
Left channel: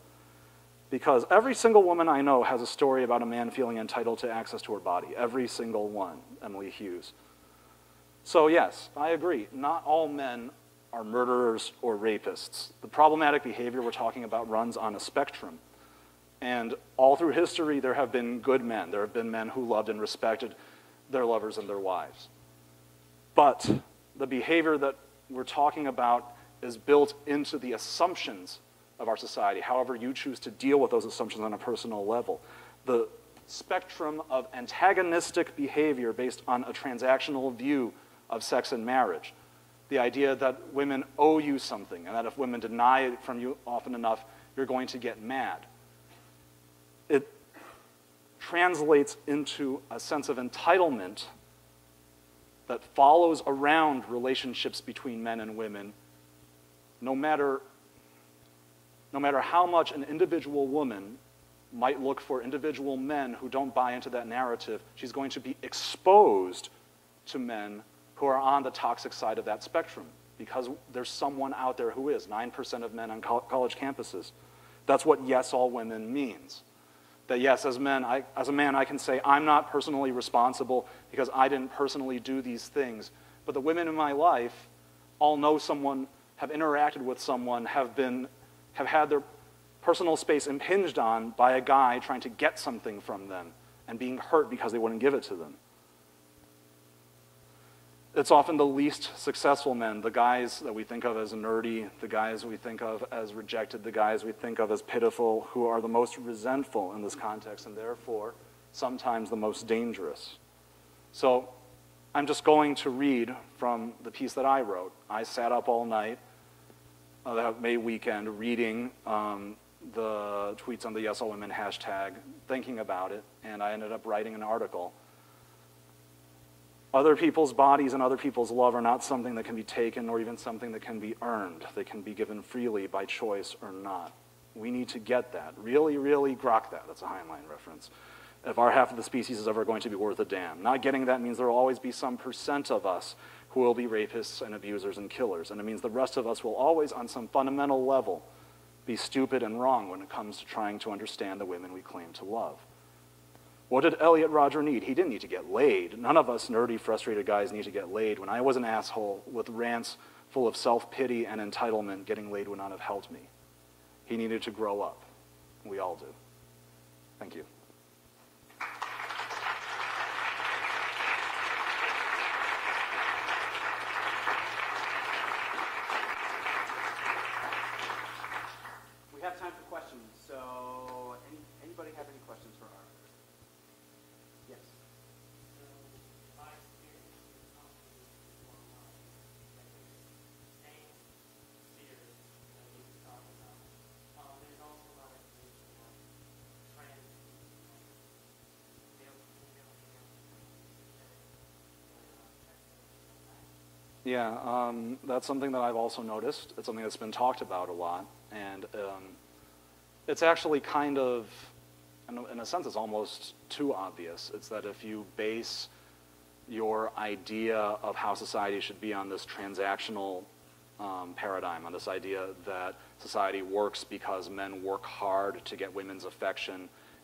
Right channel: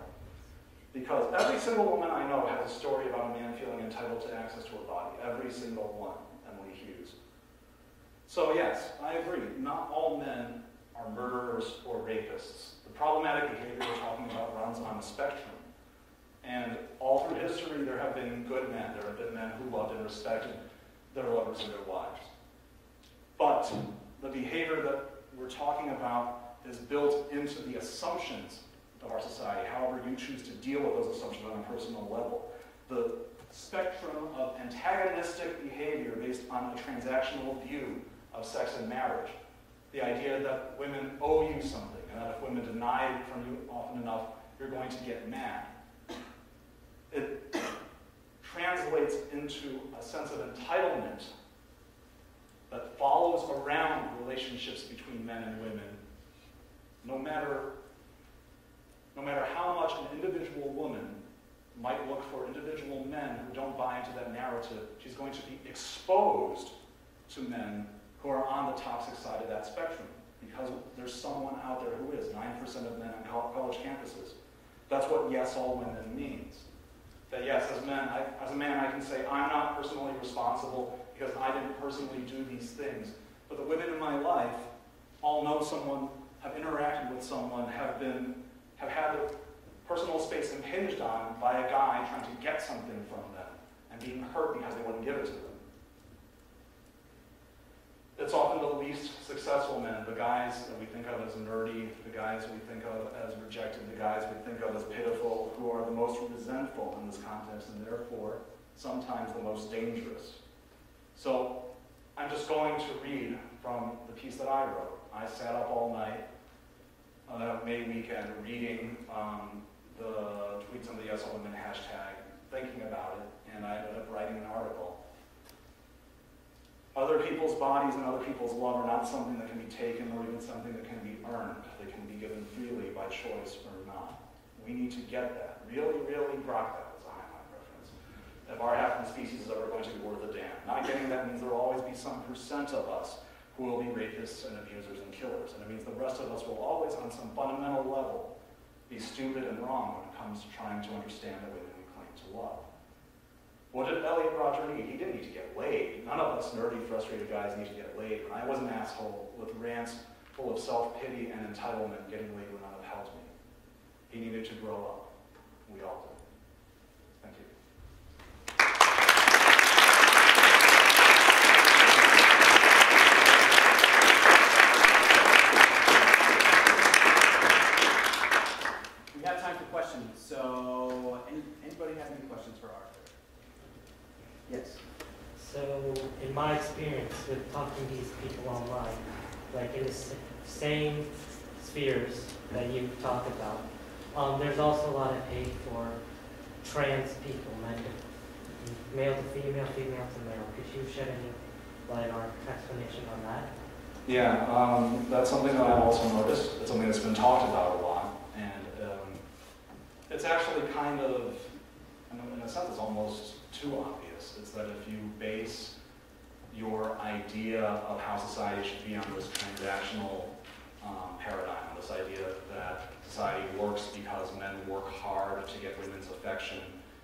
Because every single woman I know has a story about a man feeling entitled to access to her body. Every single one. Emily Hughes. So yes, I agree. Not all men are murderers or rapists. The problematic behavior we're talking about runs on a spectrum. And all through history, there have been good men. There have been men who loved and respected their lovers and their wives. But the behavior that we're talking about is built into the assumptions of our society, however you choose to deal with those assumptions on a personal level. The spectrum of antagonistic behavior based on a transactional view of sex and marriage. The idea that women owe you something, and that if women deny it from you often enough, you're going to get mad. It translates into a sense of entitlement that follows around relationships between men and women, no matter how much an individual woman might look for individual men who don't buy into that narrative, she's going to be exposed to men who are on the toxic side of that spectrum, because there's someone out there who is. 9% of men on college campuses. That's what yes, all women means. That yes, as a man, I can say, I'm not personally responsible because I didn't personally do these things, but the women in my life all know someone, have interacted with someone, have had their personal space impinged on by a guy trying to get something from them and being hurt because they wouldn't give it to them. It's often the least successful men, the guys that we think of as nerdy, the guys we think of as rejected, the guys we think of as pitiful, who are the most resentful in this context and therefore sometimes the most dangerous. So I'm just going to read from the piece that I wrote. I sat up all night that May weekend reading the tweets on the Yes All Women hashtag, thinking about it, and I ended up writing an article. Other people's bodies and other people's love are not something that can be taken or even something that can be earned. They can be given freely by choice or not. We need to get that. Really, really grok that. That's a Heinlein reference. If our half of the species is ever going to be worth a damn. Not getting that means there will always be some percent of us who will be rapists and abusers and killers. And it means the rest of us will always, on some fundamental level, be stupid and wrong when it comes to trying to understand the women we claim to love. What did Elliot Rodger need? He didn't need to get laid. None of us nerdy, frustrated guys need to get laid. When I was an asshole with rants full of self-pity and entitlement, getting laid would not have helped me. He needed to grow up. We all do. Thank you. We have time for questions. So, anybody have any questions for Arthur? Yes. So, in my experience with talking to these people online, like in the same spheres that you talk about, there's also a lot of hate for trans people, male to female, female to male. Could you shed any light or explanation on that? Yeah, that's something that I've also noticed. It's something that's been talked about a lot, and it's actually kind of, in a sense, it's almost too obvious. It's that if you base your idea of how society should be on this transactional paradigm, on this idea that society works because men work hard to get women's affection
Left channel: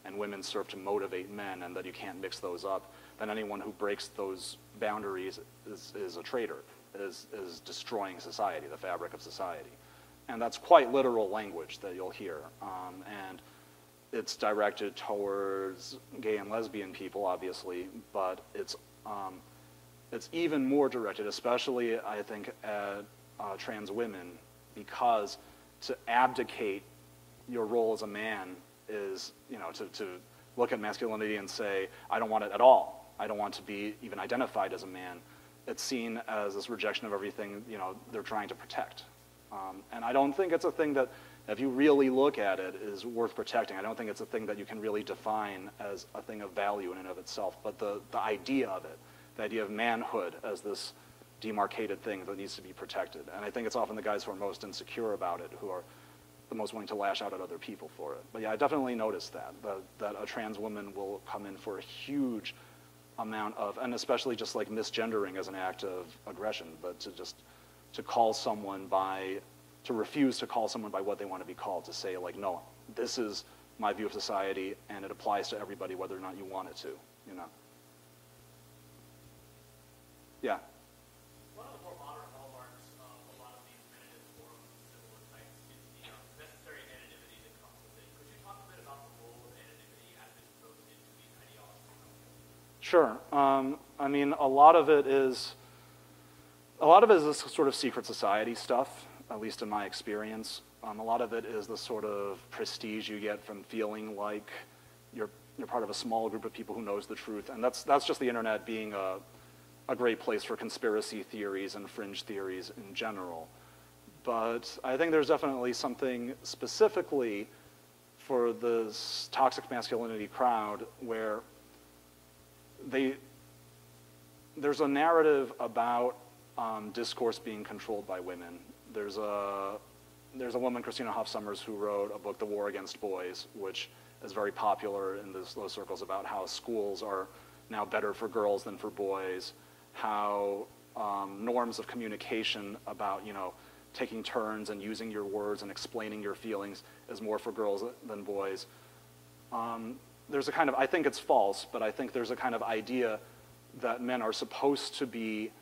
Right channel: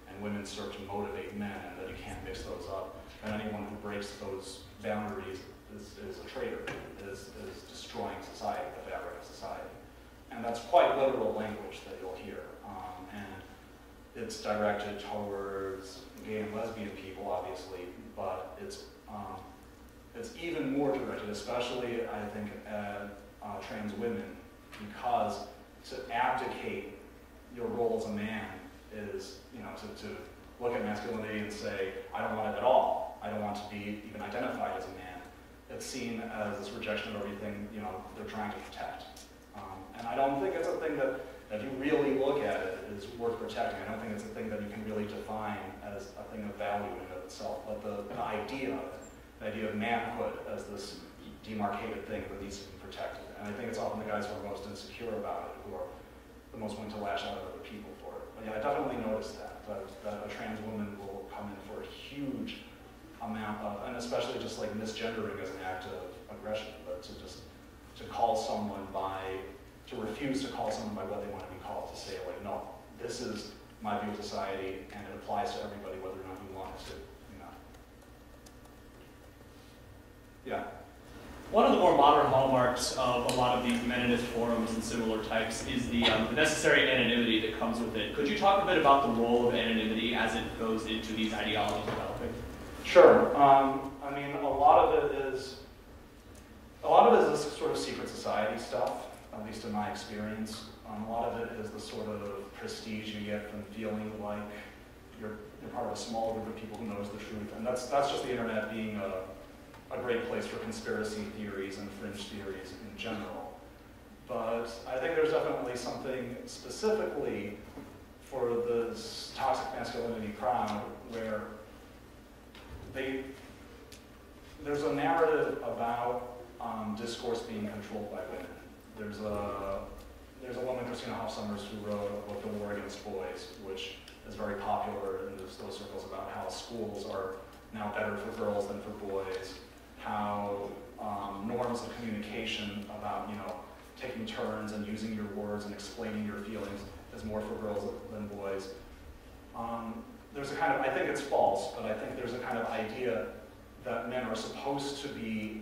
and women serve to motivate men, and that you can't mix those up, then anyone who breaks those boundaries is a traitor, is destroying society, the fabric of society. And that's quite literal language that you'll hear. And it's directed towards gay and lesbian people, obviously, but it's even more directed, especially, I think, at trans women, because to abdicate your role as a man is, to look at masculinity and say, I don't want it at all. I don't want to be even identified as a man. It's seen as this rejection of everything, they're trying to protect. And I don't think it's a thing that if you really look at it, is worth protecting. I don't think it's a thing that you can really define as a thing of value in and of itself, but the idea of it, the idea of manhood as this demarcated thing that needs to be protected. And I think it's often the guys who are most insecure about it who are the most willing to lash out at other people for it. But yeah, I definitely noticed that a trans woman will come in for a huge amount of, and especially just like misgendering as an act of aggression, but to call someone by, to refuse to call someone by what they want to be called, to say like, no, this is my view of society and it applies to everybody whether or not you want it to, you know. Yeah. One of the more modern hallmarks of a lot of these meninist forums and similar types is the necessary anonymity that comes with it. Could you talk a bit about the role of anonymity as it goes into these ideologies developing? Sure. I mean, a lot of it is this sort of secret society stuff, at least in my experience. A lot of it is the sort of prestige you get from feeling like you're part of a small group of people who knows the truth, and that's just the internet being a great place for conspiracy theories and fringe theories in general. But I think there's definitely something specifically for this toxic masculinity crowd where there's a narrative about discourse being controlled by women. There's a woman, Christina Hoff Sommers, who wrote a book, The War Against Boys, which is very popular in those circles about how schools are now better for girls than for boys, how norms of communication about, taking turns and using your words and explaining your feelings is more for girls than boys. There's a kind of, I think it's false, but I think there's a kind of idea that men are supposed to be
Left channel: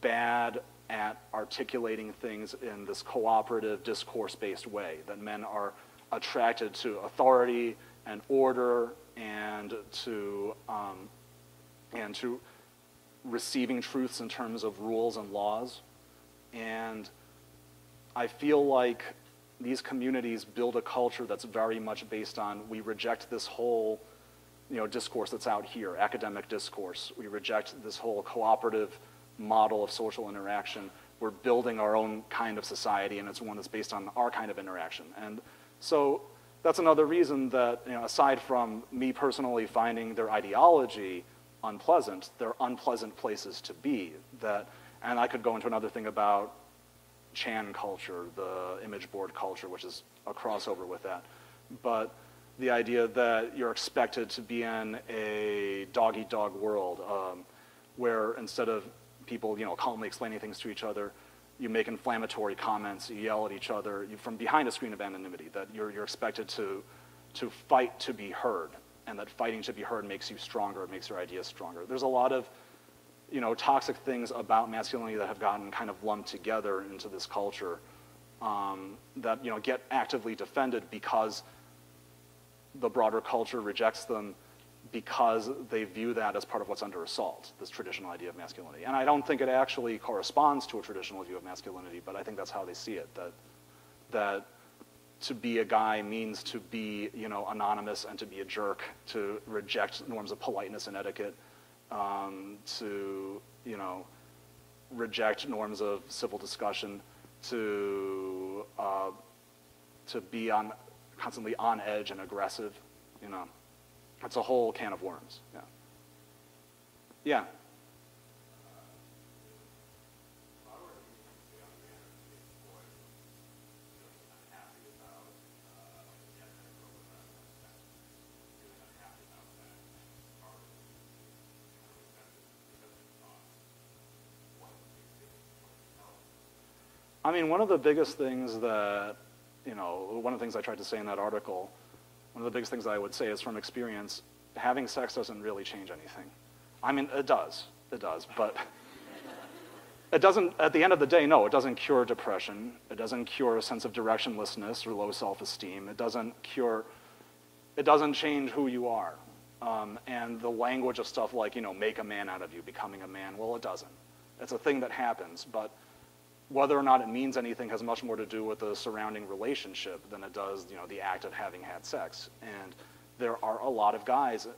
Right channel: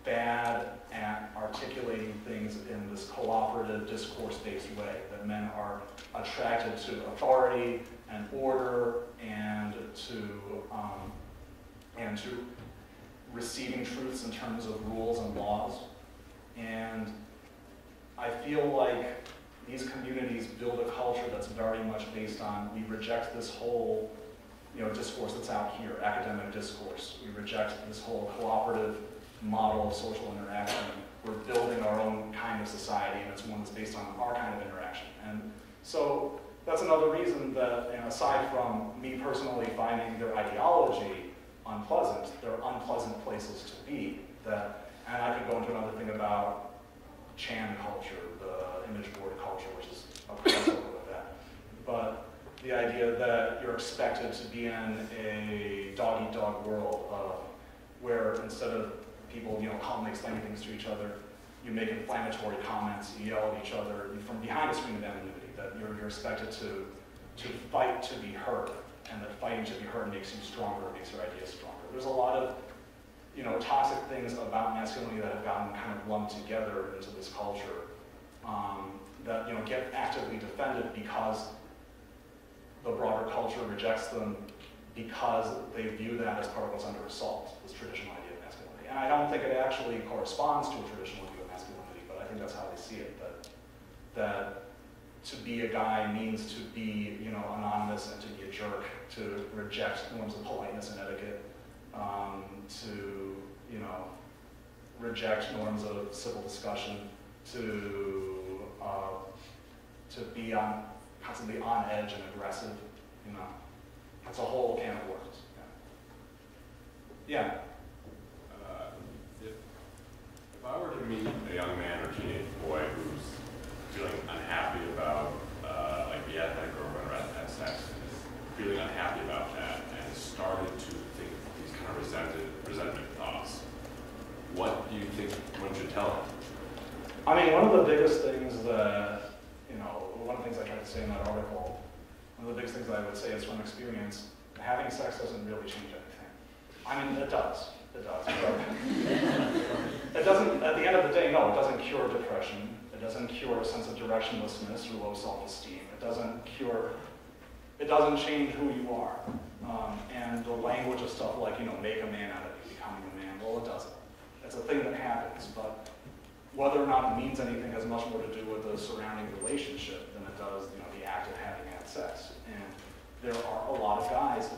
bad at articulating things in this cooperative, discourse-based way, that men are attracted to authority and order and to receiving truths in terms of rules and laws. And I feel like these communities build a culture that's very much based on, we reject this whole discourse that's out here, academic discourse. We reject this whole cooperative model of social interaction. We're building our own kind of society, and it's one that's based on our kind of interaction. And so that's another reason that, aside from me personally finding their ideology unpleasant, they're unpleasant places to be. And I could go into another thing about Chan culture, the image board culture, which is a crossover with that. But the idea that you're expected to be in a dog-eat-dog world where instead of people, calmly explaining things to each other, you make inflammatory comments, you yell at each other from behind a screen of anonymity, that you're expected to fight to be heard, and that fighting to be heard makes you stronger, makes your ideas stronger. There's a lot of toxic things about masculinity that have gotten kind of lumped together into this culture that get actively defended because the broader culture rejects them, because they view that as part of what's under assault, this traditional idea of masculinity. And I don't think it actually corresponds to a traditional view of masculinity, but I think that's how they see it, that to be a guy means to be, anonymous and to be a jerk, to reject norms of politeness and etiquette, to, reject norms of civil discussion, to be constantly on edge and aggressive, It's a whole can of worms. Yeah. If I were to meet a young man or teenage boy who's feeling unhappy about, like he hasn't had a girlfriend or hasn't had sex, and is feeling unhappy about that, and has started to think these kind of resentment thoughts, what do you think one should tell him? I mean, one of the biggest things that, one of the things I tried to say in that article, one of the biggest things that I would say is from experience, having sex doesn't really change anything. I mean, it does, but it doesn't, at the end of the day, no, it doesn't cure depression. It doesn't cure a sense of directionlessness or low self-esteem. It doesn't change who you are. And the language of stuff like, make a man out of you, becoming a man, well, it doesn't. It's a thing that happens, but whether or not it means anything has much more to do with the surrounding relationship than it does, the act of having had sex. And there are a lot of guys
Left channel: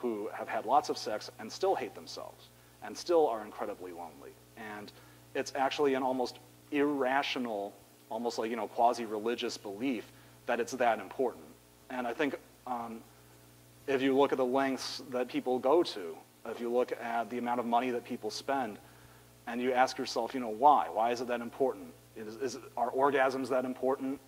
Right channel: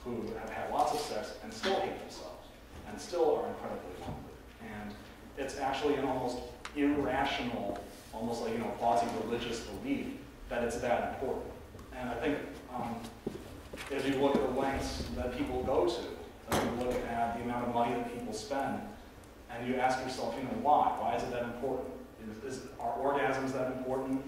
who have had lots of sex and still hate themselves and still are incredibly lonely. And it's actually an almost irrational almost like, quasi-religious belief that it's that important. And I think if you look at the lengths that people go to, if you look at the amount of money that people spend, and you ask yourself, why? Why is it that important? Are orgasms that important?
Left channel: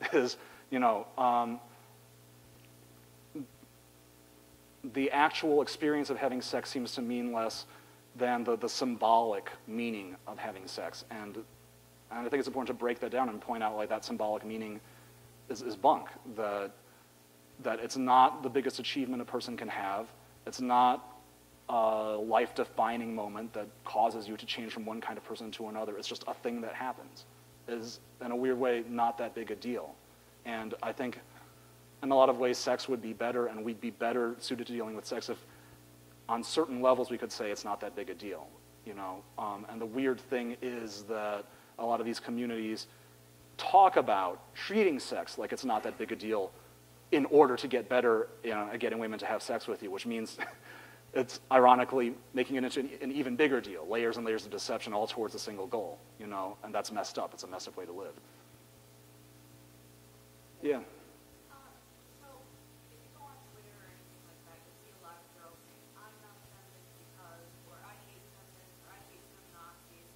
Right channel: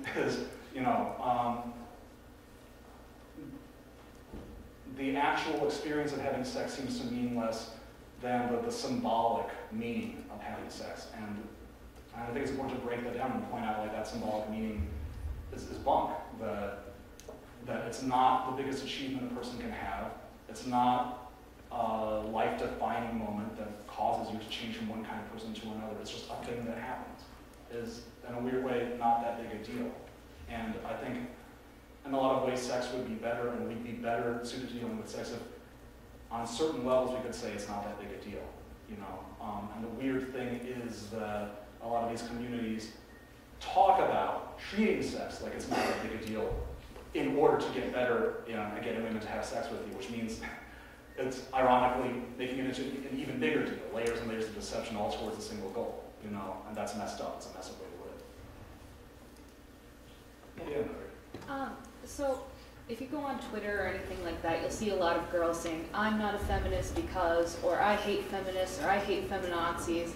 The actual experience of having sex seems to mean less than the symbolic meaning of having sex. And I think it's important to break that down and point out why that symbolic meaning is bunk. That it's not the biggest achievement a person can have. It's not a life-defining moment that causes you to change from one kind of person to another. It's just a thing that happens. Is, in a weird way, not that big a deal. And I think, in a lot of ways, sex would be better, and we'd be better suited to dealing with sex if, on certain levels, we could say it's not that big a deal. And the weird thing is that a lot of these communities talk about treating sex like it's not that big a deal in order to get better at getting women to have sex with you, which means it's ironically making it into an even bigger deal, layers and layers of deception all towards a single goal, and that's messed up. It's a messed up way to live. Yeah. So if you go on Twitter or anything like that, you'll see a lot of girls saying, I'm not a feminist because, or I hate feminists, or I hate feminazis.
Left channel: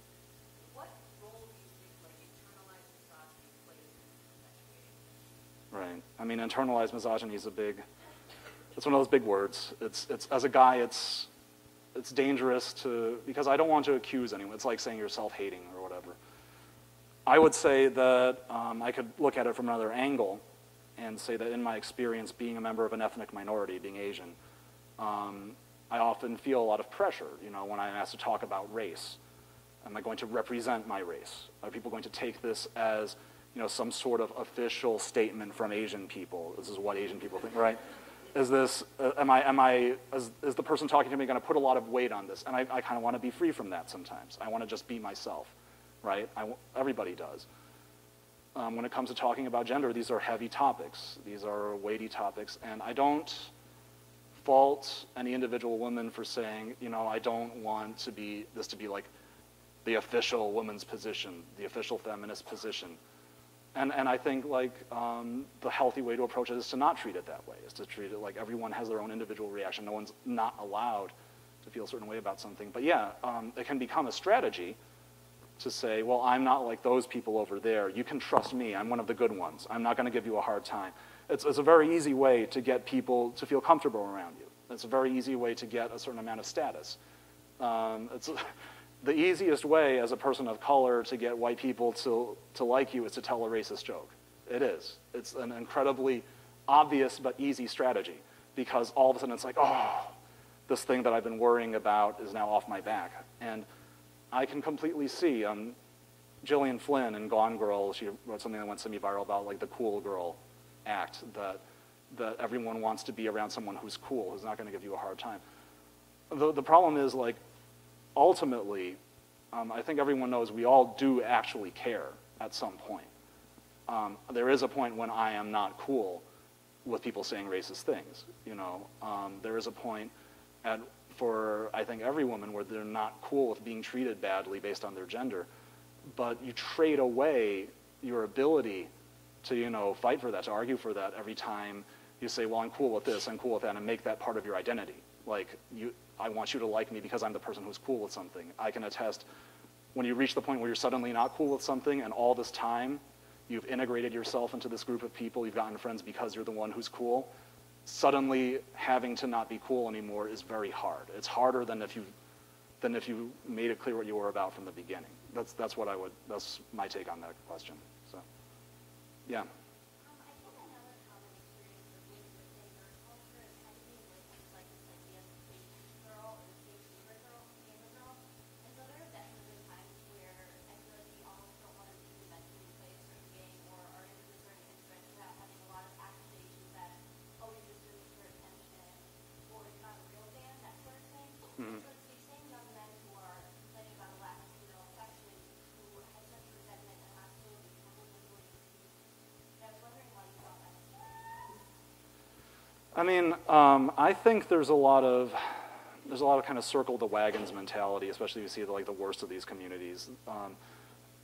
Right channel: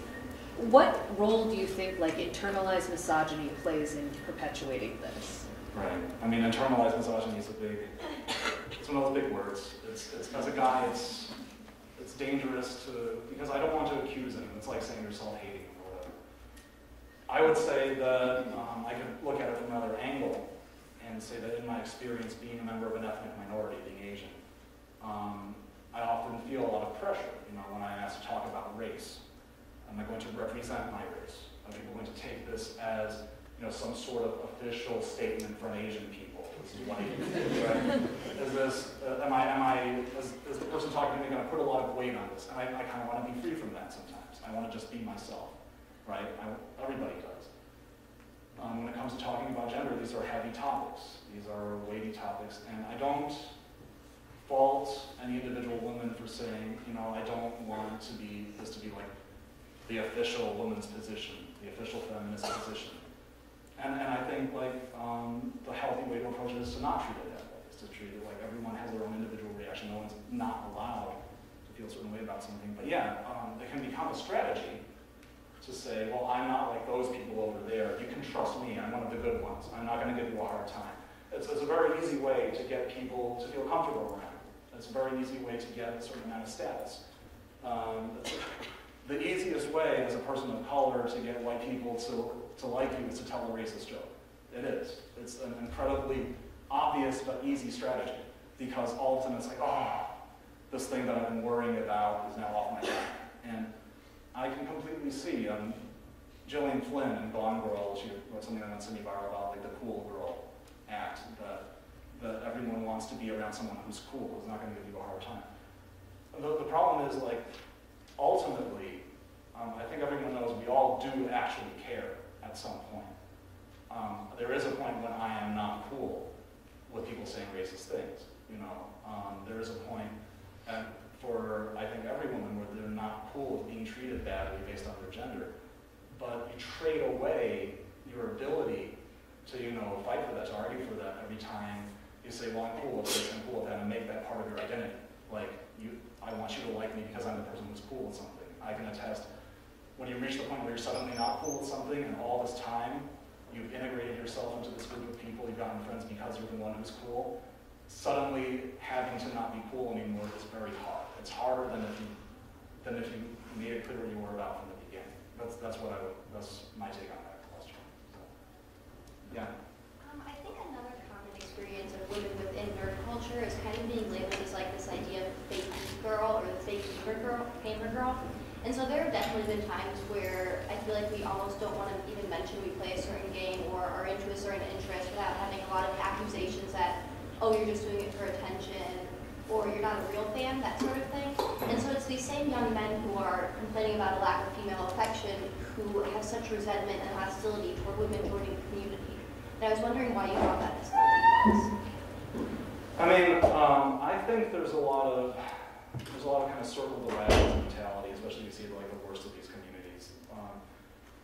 What role do you think internalized misogyny plays in perpetuating this? Right. I mean, internalized misogyny is it's one of those big words. It's as a guy, it's dangerous because I don't want to accuse anyone. It's like saying you're self-hating or whatever. I would say that I could look at it from another angle and say that in my experience, being a member of an ethnic minority, being Asian, I often feel a lot of pressure, when I'm asked to talk about race. Am I going to represent my race? Are people going to take this as, some sort of official statement from Asian people? This is what Asian people do, right? Is this, is the person talking to me going to put a lot of weight on this? And I kind of want to be free from that sometimes. I want to just be myself, right? Everybody does. When it comes to talking about gender, these are heavy topics. These are weighty topics, and I don't fault any individual woman for saying, I don't want this to be like the official woman's position, the official feminist position. And I think the healthy way to approach it is to not treat it that way, is to treat it like everyone has their own individual reaction. No one's not allowed to feel a certain way about something. But yeah, it can become a strategy to say, well, I'm not like those people over there. You can trust me. I'm one of the good ones. I'm not going to give you a hard time. It's a very easy way to get people to feel comfortable around you. It's a very easy way to get a certain amount of status. The easiest way as a person of color to get white people to like you is to tell a racist joke. It is. It's an incredibly obvious but easy strategy because all of a sudden it's like, oh, this thing that I've been worrying about is now off my back. And I can completely see Gillian Flynn in Gone Girl, she wrote something that went semi-viral about the cool girl act, that everyone wants to be around someone who's cool, who's not going to give you a hard time. The problem is, ultimately, I think everyone knows we all do actually care at some point. There is a point when I am not cool with people saying racist things. There is a point for, I think, every woman where they're not cool with being treated badly based on their gender. But you trade away your ability to, fight for that, to argue for that every time you say, well, I'm cool with this, I'm cool with that, and make that part of your identity. I want you to like me because I'm the person who's cool with something. I can attest, when you reach the point where you're suddenly not cool with something, and all this time you've integrated yourself into this group of people, you've gotten friends because you're the one who's cool, suddenly having to not be cool anymore is very hard. It's harder than if you made it clear what you were about from the beginning. That's my take on that question. So, yeah. I think another common experience of women within nerd culture is kind of being labeled as this idea of fake geek girl or the fake gamer girl. And so there have definitely been times where I feel like we almost don't want to even mention we play a certain game or are into a certain interest without having a lot of accusations that, oh, you're just doing it for attention, or you're not a real fan, that sort of thing. And so it's these same young men who are complaining about a lack of female affection who have such resentment and hostility toward women joining the community. And I was wondering why you thought that hostility was. I mean, I think there's a lot of kind of circle the wagons mentality, especially if you see the worst of these communities.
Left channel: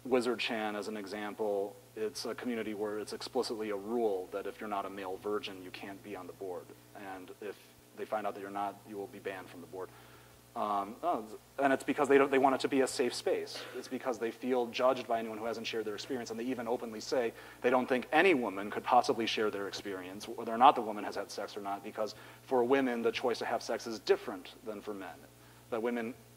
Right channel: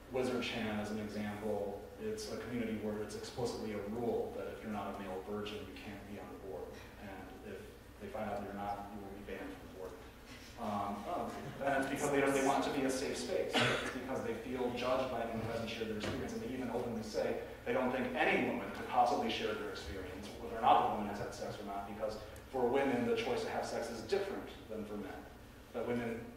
Wizard Chan as an example, it's a community where it's explicitly a rule that if you're not a male virgin, you can't be on the board. And if they find out that you're not, you will be banned from the board. And it's because they want it to be a safe space. It's because they feel judged by anyone who hasn't shared their experience, and they even openly say they don't think any woman could possibly share their experience, whether or not the woman has had sex or not, because for women, the choice to have sex is different than for men. That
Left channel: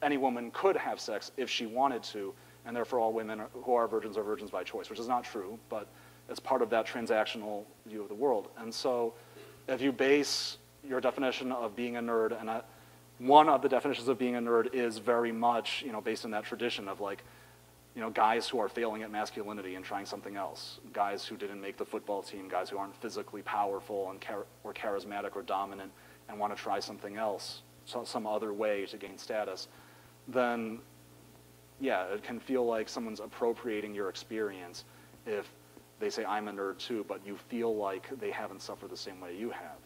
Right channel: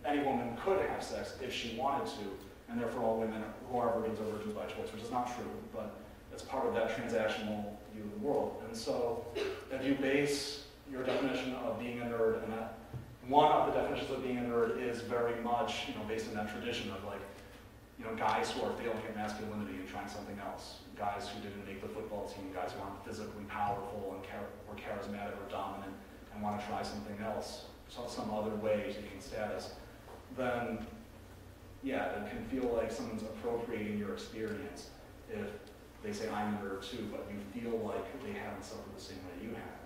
any woman could have sex if she wanted to, and therefore all women who are virgins by choice, which is not true, but it's part of that transactional view of the world. And so if you base your definition of being a nerd, and one of the definitions of being a nerd is very much, based on that tradition of guys who are failing at masculinity and trying something else, guys who didn't make the football team, guys who aren't physically powerful and or charismatic or dominant and want to try something else, some other way to gain status, then yeah, it can feel like someone's appropriating your experience if they say, I'm a nerd too, but you feel like they haven't suffered the same way you have.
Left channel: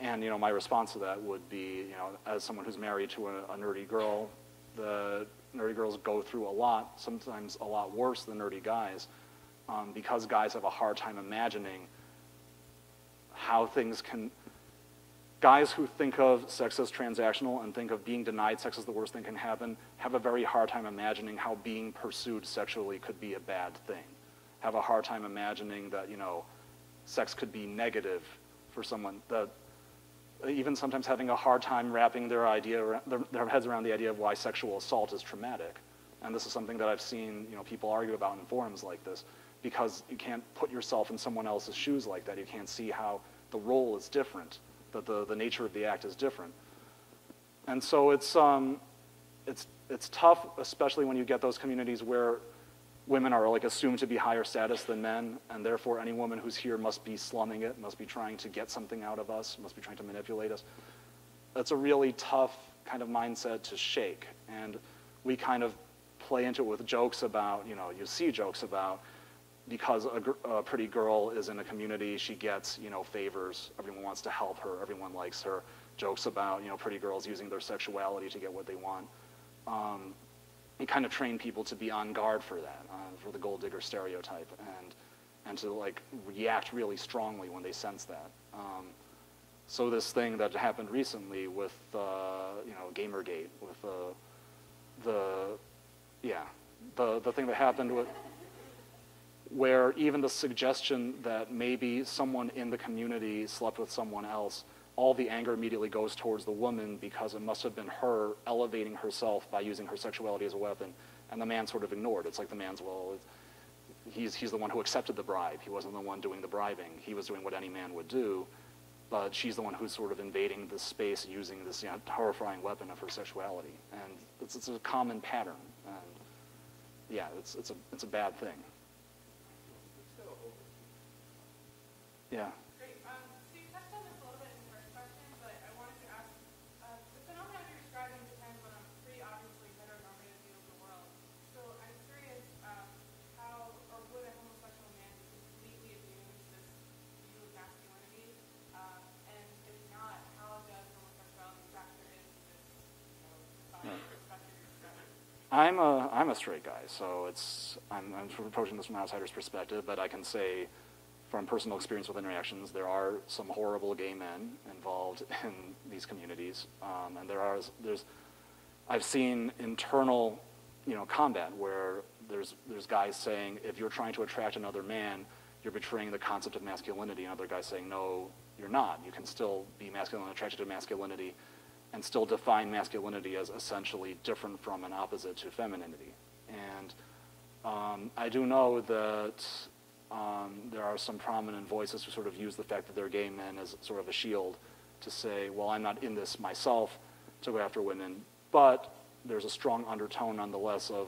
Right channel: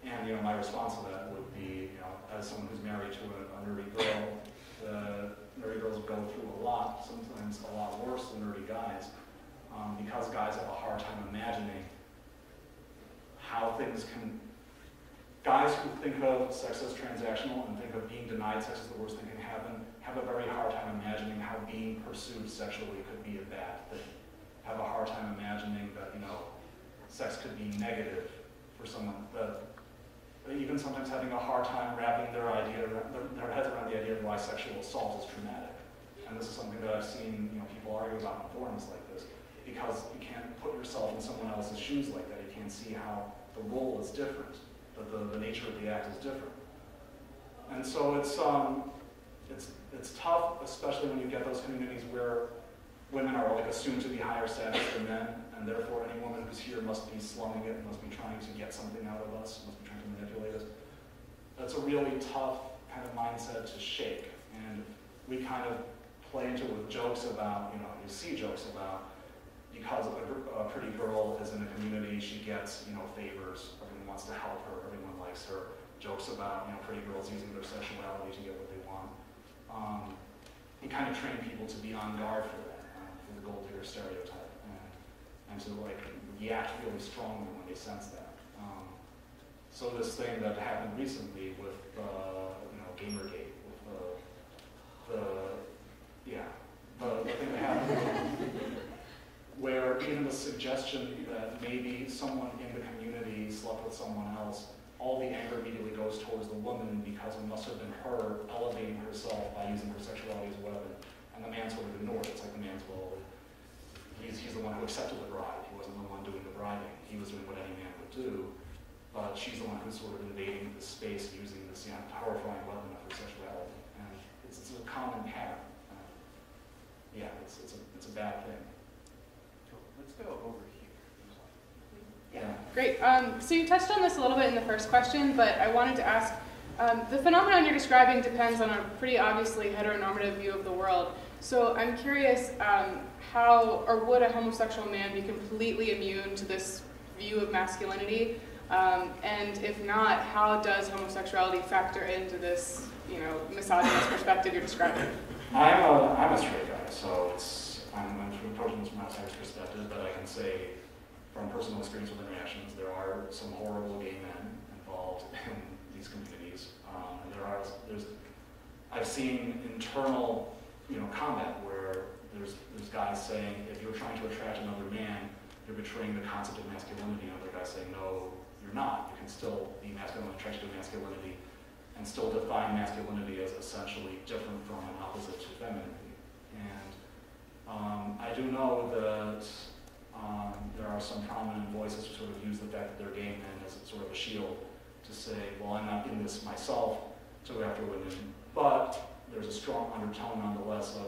And my response to that would be, as someone who's married to a nerdy girl, the nerdy girls go through a lot, sometimes a lot worse than nerdy guys, because guys have a hard time imagining how things can. Guys who think of sex as transactional and think of being denied sex as the worst thing can happen have a very hard time imagining how being pursued sexually could be a bad thing. Have a hard time imagining that, sex could be negative for someone. That even sometimes having a hard time wrapping their heads around the idea of why sexual assault is traumatic. And this is something that I've seen, people argue about in forums like this, because you can't put yourself in someone else's shoes like that. You can't see how the role is different, that the nature of the act is different. And so it's tough, especially when you get those communities where women are assumed to be higher status than men, and therefore any woman who's here must be slumming it, must be trying to get something out of us, must be trying to manipulate us. That's a really tough kind of mindset to shake, and we kind of play into it with jokes about, you see jokes about, because a pretty girl is in the community, she gets, favors, everyone wants to help her, everyone likes her, jokes about, pretty girls using their sexuality to get what they want. You kind of train people to be on guard for that, for the gold digger stereotype, and to react really strongly when they sense that. So this thing that happened recently with Gamergate, with the thing that happened with, where even the suggestion that maybe someone in the community slept with someone else, all the anger immediately goes towards the woman because it must have been her elevating herself by using her sexuality as a weapon, and the man sort of ignored it. It's like the man's, he's the one who accepted the bribe. He wasn't the one doing the bribing. He was doing what any man would do, but she's the one who's sort of invading this space using this horrifying weapon of her sexuality. And it's a common pattern. Yeah, it's a bad thing. Let's go over here. Yeah. Great. So you touched on this a little bit in the first question, but I wanted to ask, the phenomenon you're describing depends on a pretty obviously heteronormative view of the world. So I'm curious, how or would a homosexual man be completely immune to this view of masculinity? And if not, how does homosexuality factor into this, misogynist perspective you're describing? I'm a straight guy, so I'm sort of approaching this from an outsider's perspective, but I can say from personal experience with interactions, there are some horrible gay men involved in these communities, and I've seen internal, combat where there's guys saying, if you're trying to attract another man, you're betraying the concept of masculinity, and other guys saying, no, you're not. You can still be masculine and attracted to masculinity, and still define masculinity as essentially different from an opposite to femininity. And I do know that there are some prominent voices who sort of use the fact that they're gay men as sort of a shield to say, well, I'm not in this myself to go after women, but there's a strong undertone nonetheless of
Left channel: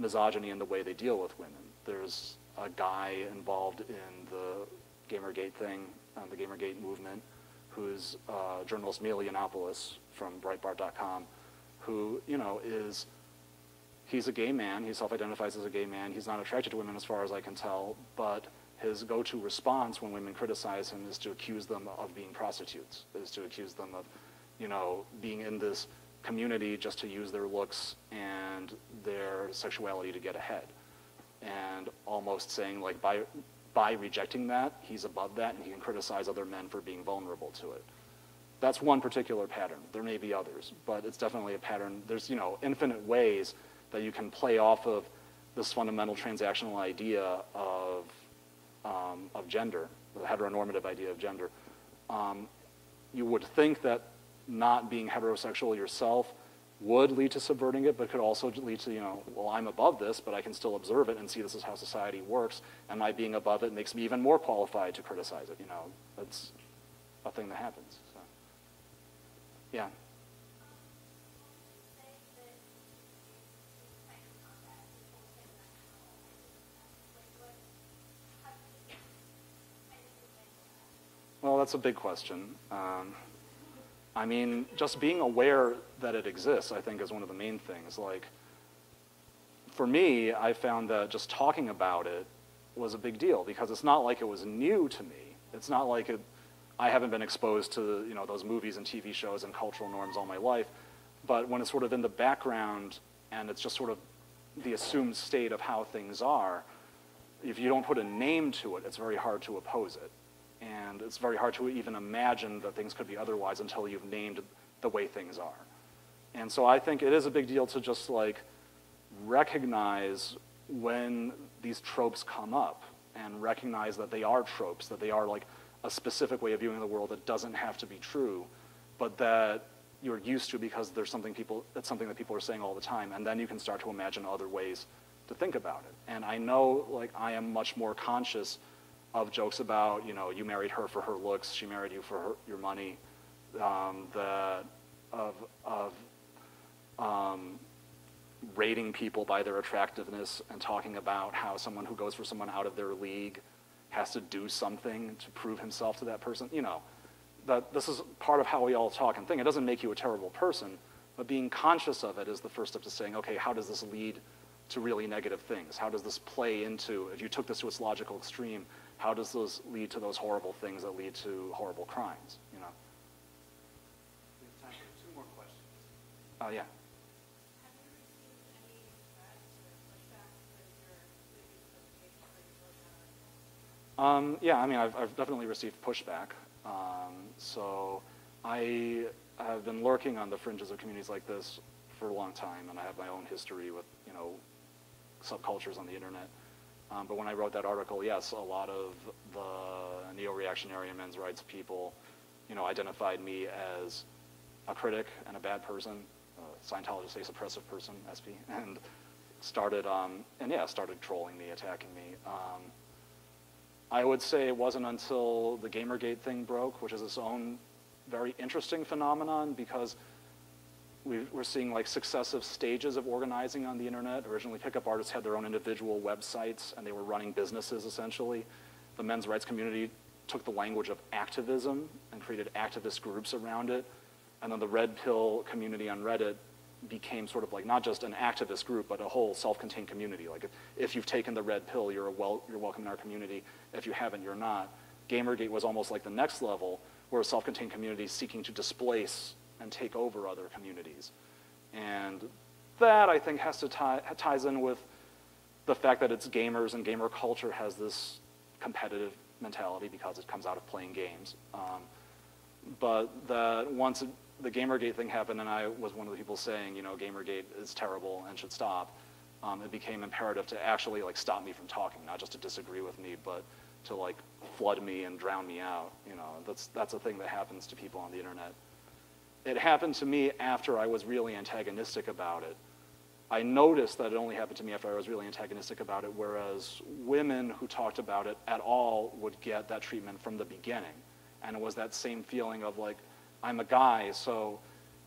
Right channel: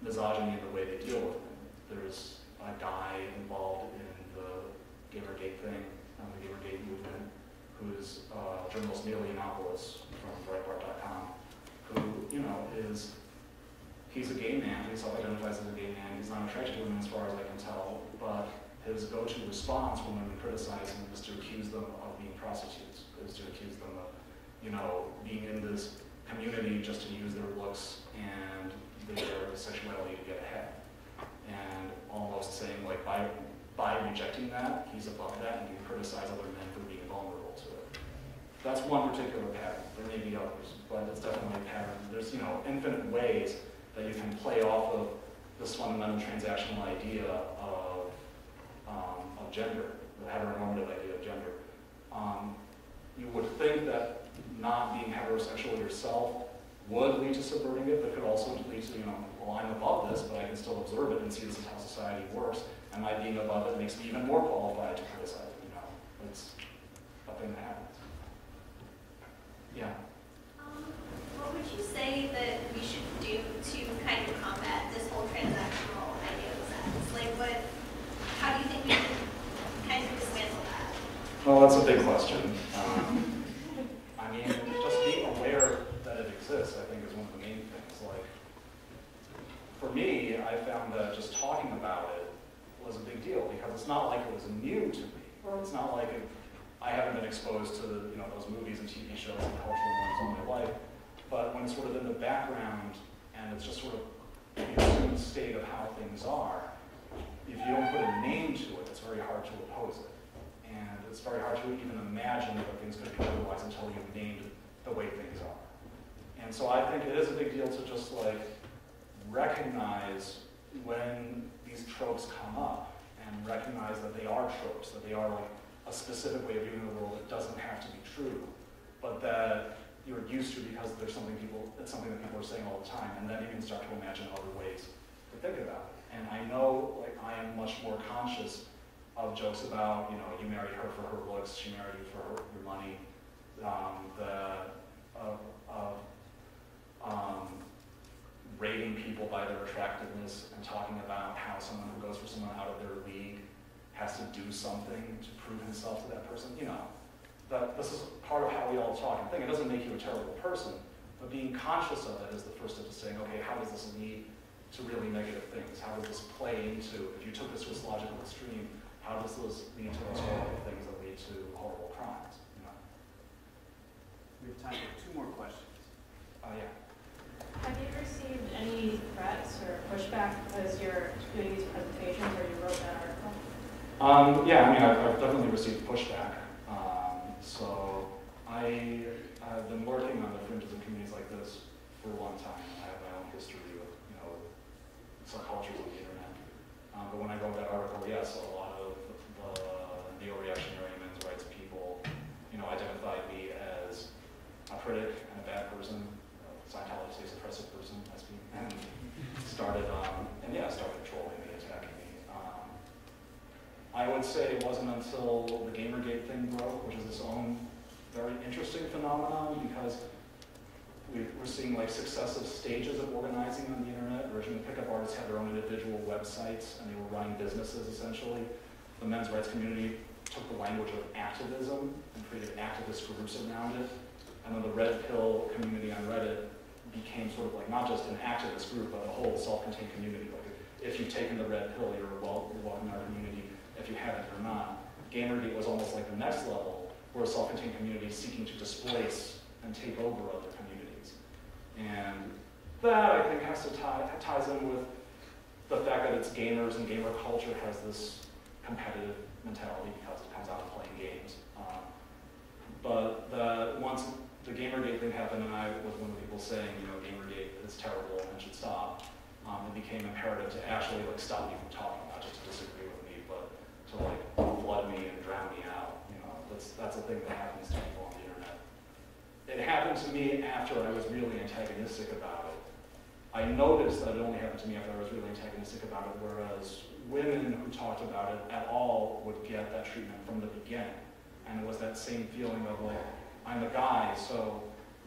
misogyny in the way they deal with women. There's a guy involved in the Gamergate thing, the Gamergate movement, who's journalist Neil Yiannopoulos from Breitbart.com, who, he's a gay man, he self-identifies as a gay man, he's not attracted to women as far as I can tell, but his go-to response when women criticize him is to accuse them of being prostitutes, is to accuse them of, being in this community just to use their looks and their sexuality to get ahead. And almost saying, like, by rejecting that, he's above that, and he can criticize other men for being vulnerable to it. That's one particular pattern. There may be others, but it's definitely a pattern. There's, you know, infinite ways that you can play off of this fundamental transactional idea of gender, the heteronormative idea of gender. You would think that not being heterosexual yourself would lead to subverting it, but could also lead to, you know, well, I'm above this, but I can still observe it and see this is how society works, and my being above it makes me even more qualified to criticize it, you know. It's a thing that happens. Yeah? What would you say that we should do to kind of combat this whole transactional idea of sex? Like, how do you think we can kind of dismantle that? Well, that's a big question. I mean, just being aware that it exists, I think, is one of the main things. Like, for me, I found that just talking about it was a big deal, because it's not like it was new to me. It's not like I haven't been exposed to, you know, those movies and TV shows and cultural norms all my life, but when it's sort of in the background and it's just sort of the assumed state of how things are, if you don't put a name to it, it's very hard to oppose it. And it's very hard to even imagine that things could be otherwise until you've named the way things are. And so I think it is a big deal to just, like, recognize when these tropes come up and recognize that they are tropes, that they are, like, a specific way of viewing the world that doesn't have to be true, but that you're used to because there's something that's something that people are saying all the time, and then you can start to imagine other ways to think about it. And I know, like, I am much more conscious of jokes about, you know, you married her for her looks, she married you for your money, rating people by their attractiveness and talking about how someone who goes for someone out of their league has to do something to prove himself to that person. You know, that this is part of how we all talk and think. It doesn't make you a terrible person, but being conscious of it is the first step to saying, okay, how does this lead to really negative things? How does this play into, if you took this to its logical extreme, how does this lead to those horrible things that lead to horrible crimes, you know? We have time for 2 more questions. Yeah. Have you received any threats or pushback because you're doing these presentations or you wrote that article? Yeah, I mean, I've definitely received pushback. So I've been working on the fringes of communities like this for a long time, and I have my own history with, you know, subcultures on the internet. But when I wrote that article, yes, a lot of the neo-reactionary and men's rights people, you know, identified me as a critic and a bad person. Scientology says oppressive person, SB, and started trolling me, attacking me. I would say it wasn't until the Gamergate thing broke, which is its own very interesting phenomenon, because we're seeing, like, successive stages of organizing on the internet. Originally, pickup artists had their own individual websites, and they were running businesses, essentially. The men's rights community took the language of activism and created activist groups around it. And then the red pill community on Reddit became sort of like not just an activist group, but a whole self-contained community. Like, if you've taken the red pill, you're welcome in our community. If you haven't, you're not. Gamergate was almost like the next level, where a self-contained community is seeking to displace and take over other communities. And that, I think, ties in with the fact that it's gamers, and gamer culture has this competitive mentality because it comes out of playing games. But once the Gamergate thing happened, and I was one of the people saying, you know, Gamergate is terrible and should stop, it became imperative to actually, like, stop me from talking, not just to disagree with me, but to, like, flood me and drown me out. You know, that's a thing that happens to people on the internet. It happened to me after I was really antagonistic about it. I noticed that it only happened to me after I was really antagonistic about it, whereas women who talked about it at all would get that treatment from the beginning. And it was that same feeling of, like, I'm a guy, so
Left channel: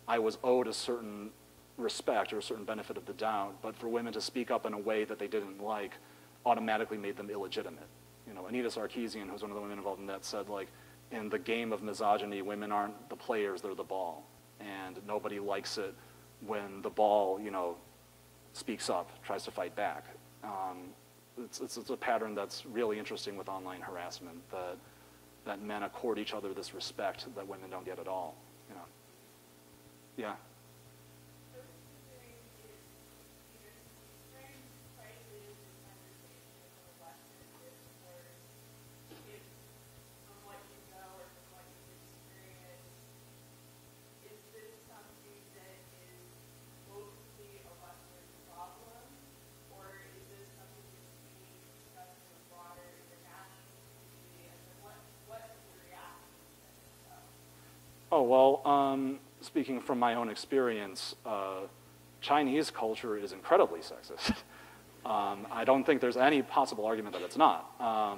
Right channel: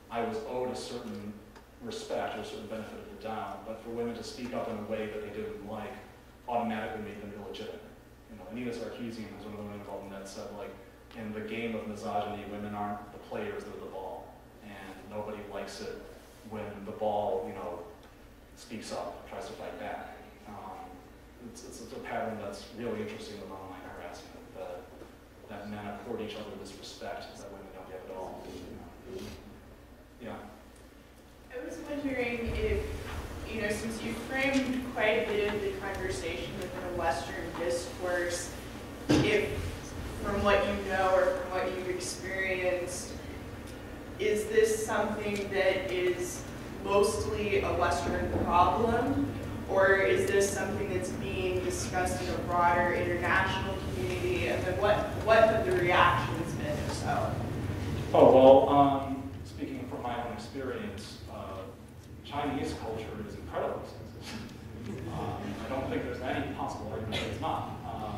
I was owed a certain respect or a certain benefit of the doubt, but for women to speak up in a way that they didn't like automatically made them illegitimate. You know, Anita Sarkeesian, who's one of the women involved in that, said, like, in the game of misogyny, women aren't the players, they're the ball. And nobody likes it when the ball, you know, speaks up, tries to fight back. It's a pattern that's really interesting with online harassment, that men accord each other this respect that women don't get at all. You know? Yeah. I was wondering if, you know, since mostly a Western problem, or is this something that's being discussed in a broader international community? And then what have the reactions been, if so? Oh, well, speaking from my own experience, Chinese culture is incredibly sexist. I don't think there's any possible argument that it's not.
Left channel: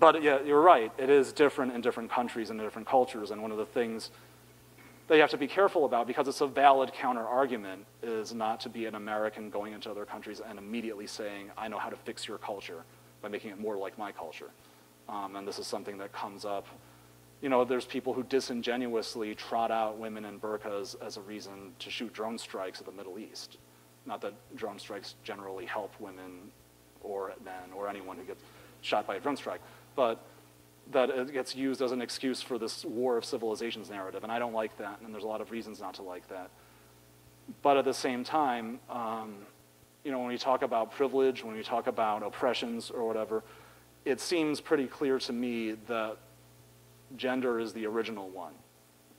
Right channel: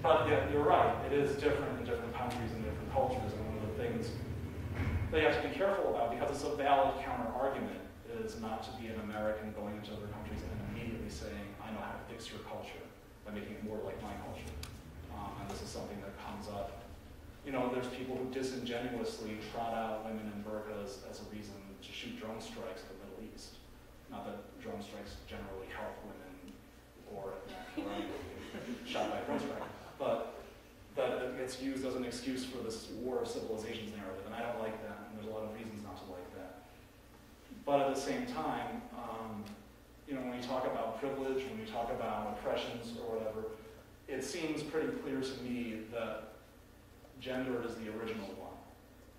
But yeah, you're right. It is different in different countries and different cultures, and one of the things that you have to be careful about, because it's a valid counter-argument, is not to be an American going into other countries and immediately saying, I know how to fix your culture by making it more like my culture. And this is something that comes up. You know, there's people who disingenuously trot out women in burqas as a reason to shoot drone strikes at the Middle East. Not that drone strikes generally help women or men or anyone who gets shot by a drone strike, but that it gets used as an excuse for this war of civilizations narrative, and I don't like that, and there's a lot of reasons not to like that. But at the same time, you know, when we talk about privilege, when we talk about oppressions or whatever, it seems pretty clear to me that gender is the original one,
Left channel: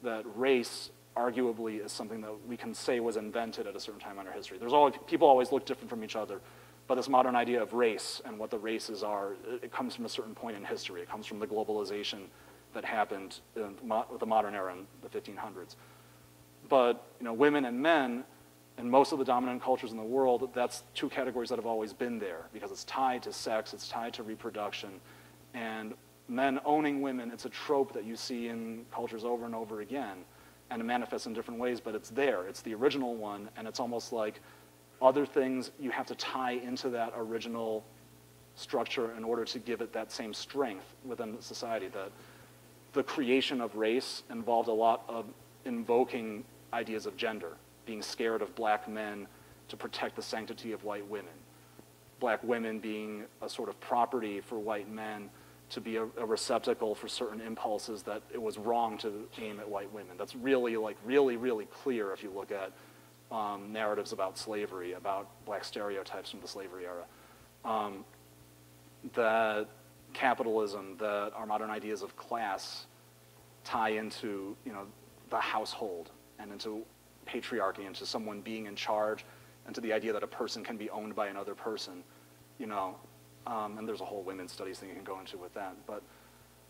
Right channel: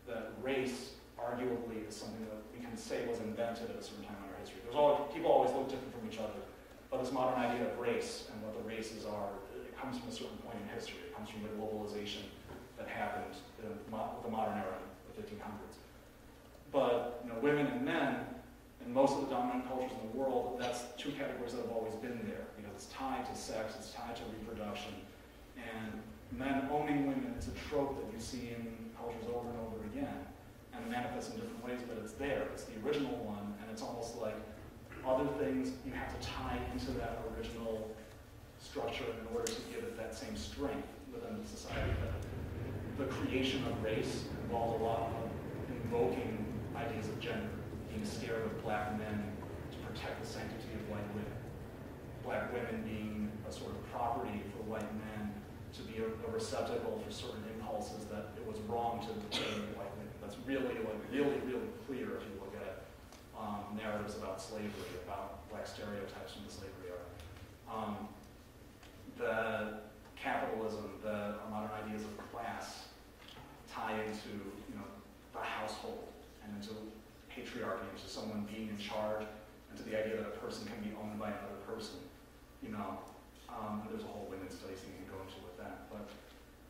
that race arguably is something that we can say was invented at a certain time in our history. People always look different from each other, but this modern idea of race and what the races are, it comes from a certain point in history. It comes from the globalization that happened in the modern era in the 1500s. But you know, women and men, in most of the dominant cultures in the world, that's two categories that have always been there, because it's tied to sex, it's tied to reproduction, and men owning women, it's a trope that you see in cultures over and over again, and it manifests in different ways, but it's there. It's the original one, and it's almost like other things you have to tie into that original structure in order to give it that same strength within the society. That the creation of race involved a lot of invoking ideas of gender, being scared of black men to protect the sanctity of white women. Black women being a sort of property for white men to be a receptacle for certain impulses that it was wrong to aim at white women. That's really, really clear if you look at narratives about slavery, about black stereotypes from the slavery era. That capitalism, that our modern ideas of class tie into, you know, the household and into patriarchy, into someone being in charge, and to the idea that a person can be owned by another person, you know. And there's a whole women's studies thing you can go into with that. But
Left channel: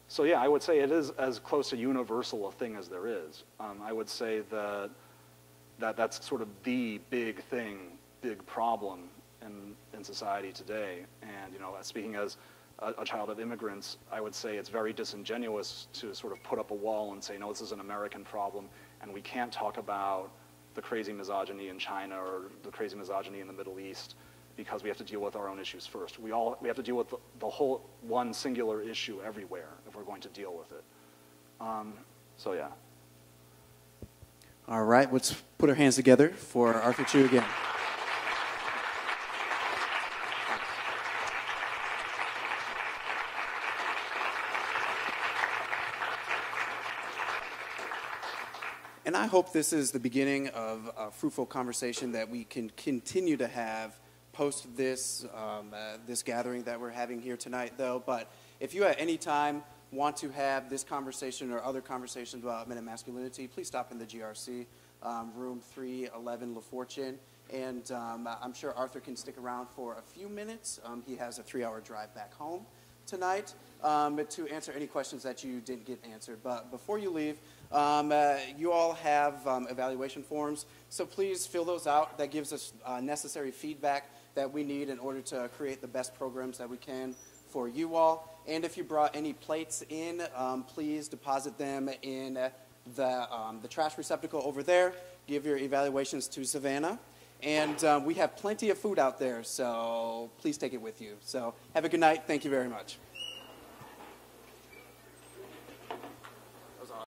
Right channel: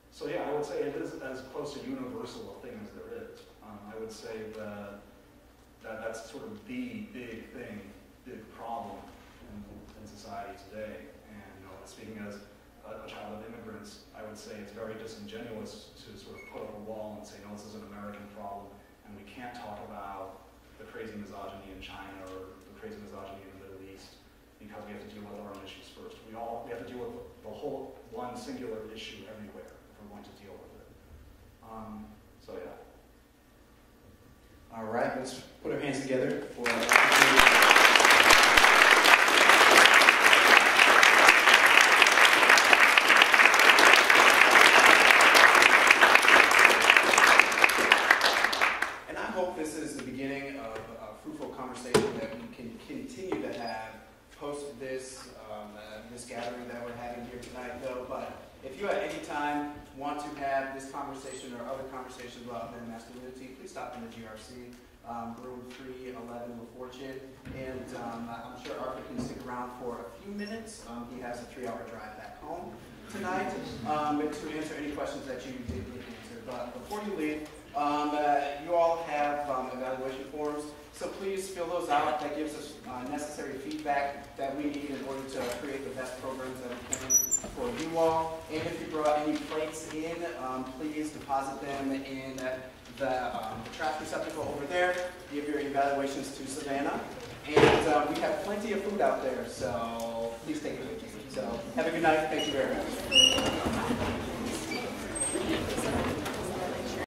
so yeah, I would say it is as close to universal a thing as there is. I would say that that's sort of the big thing, big problem in society today. And you know, speaking as a child of immigrants, I would say it's very disingenuous to sort of put up a wall and say, no, this is an American problem, and we can't talk about the crazy misogyny in China or the crazy misogyny in the Middle East, because we have to deal with our own issues first. We have to deal with the whole one singular issue everywhere if we're going to deal with it. So yeah. All right, let's put our hands together for our Urkel again. And I hope this is the beginning of a fruitful conversation that we can continue to have post this gathering that we're having here tonight, though. But if you at any time want to have this conversation or other conversations about men and masculinity, please stop in the GRC, room 311 La Fortune. And I'm sure Arthur can stick around for a few minutes. He has a 3-hour drive back home tonight to answer any questions that you didn't get answered. But before you leave, you all have evaluation forms, so please fill those out. That gives us necessary feedback that we need in order to create the best programs that we can for you all. And if you brought any plates in, please deposit them in the trash receptacle over there. Give your evaluations to Savannah. And we have plenty of food out there, so please take it with you. So have a good night. Thank you very much.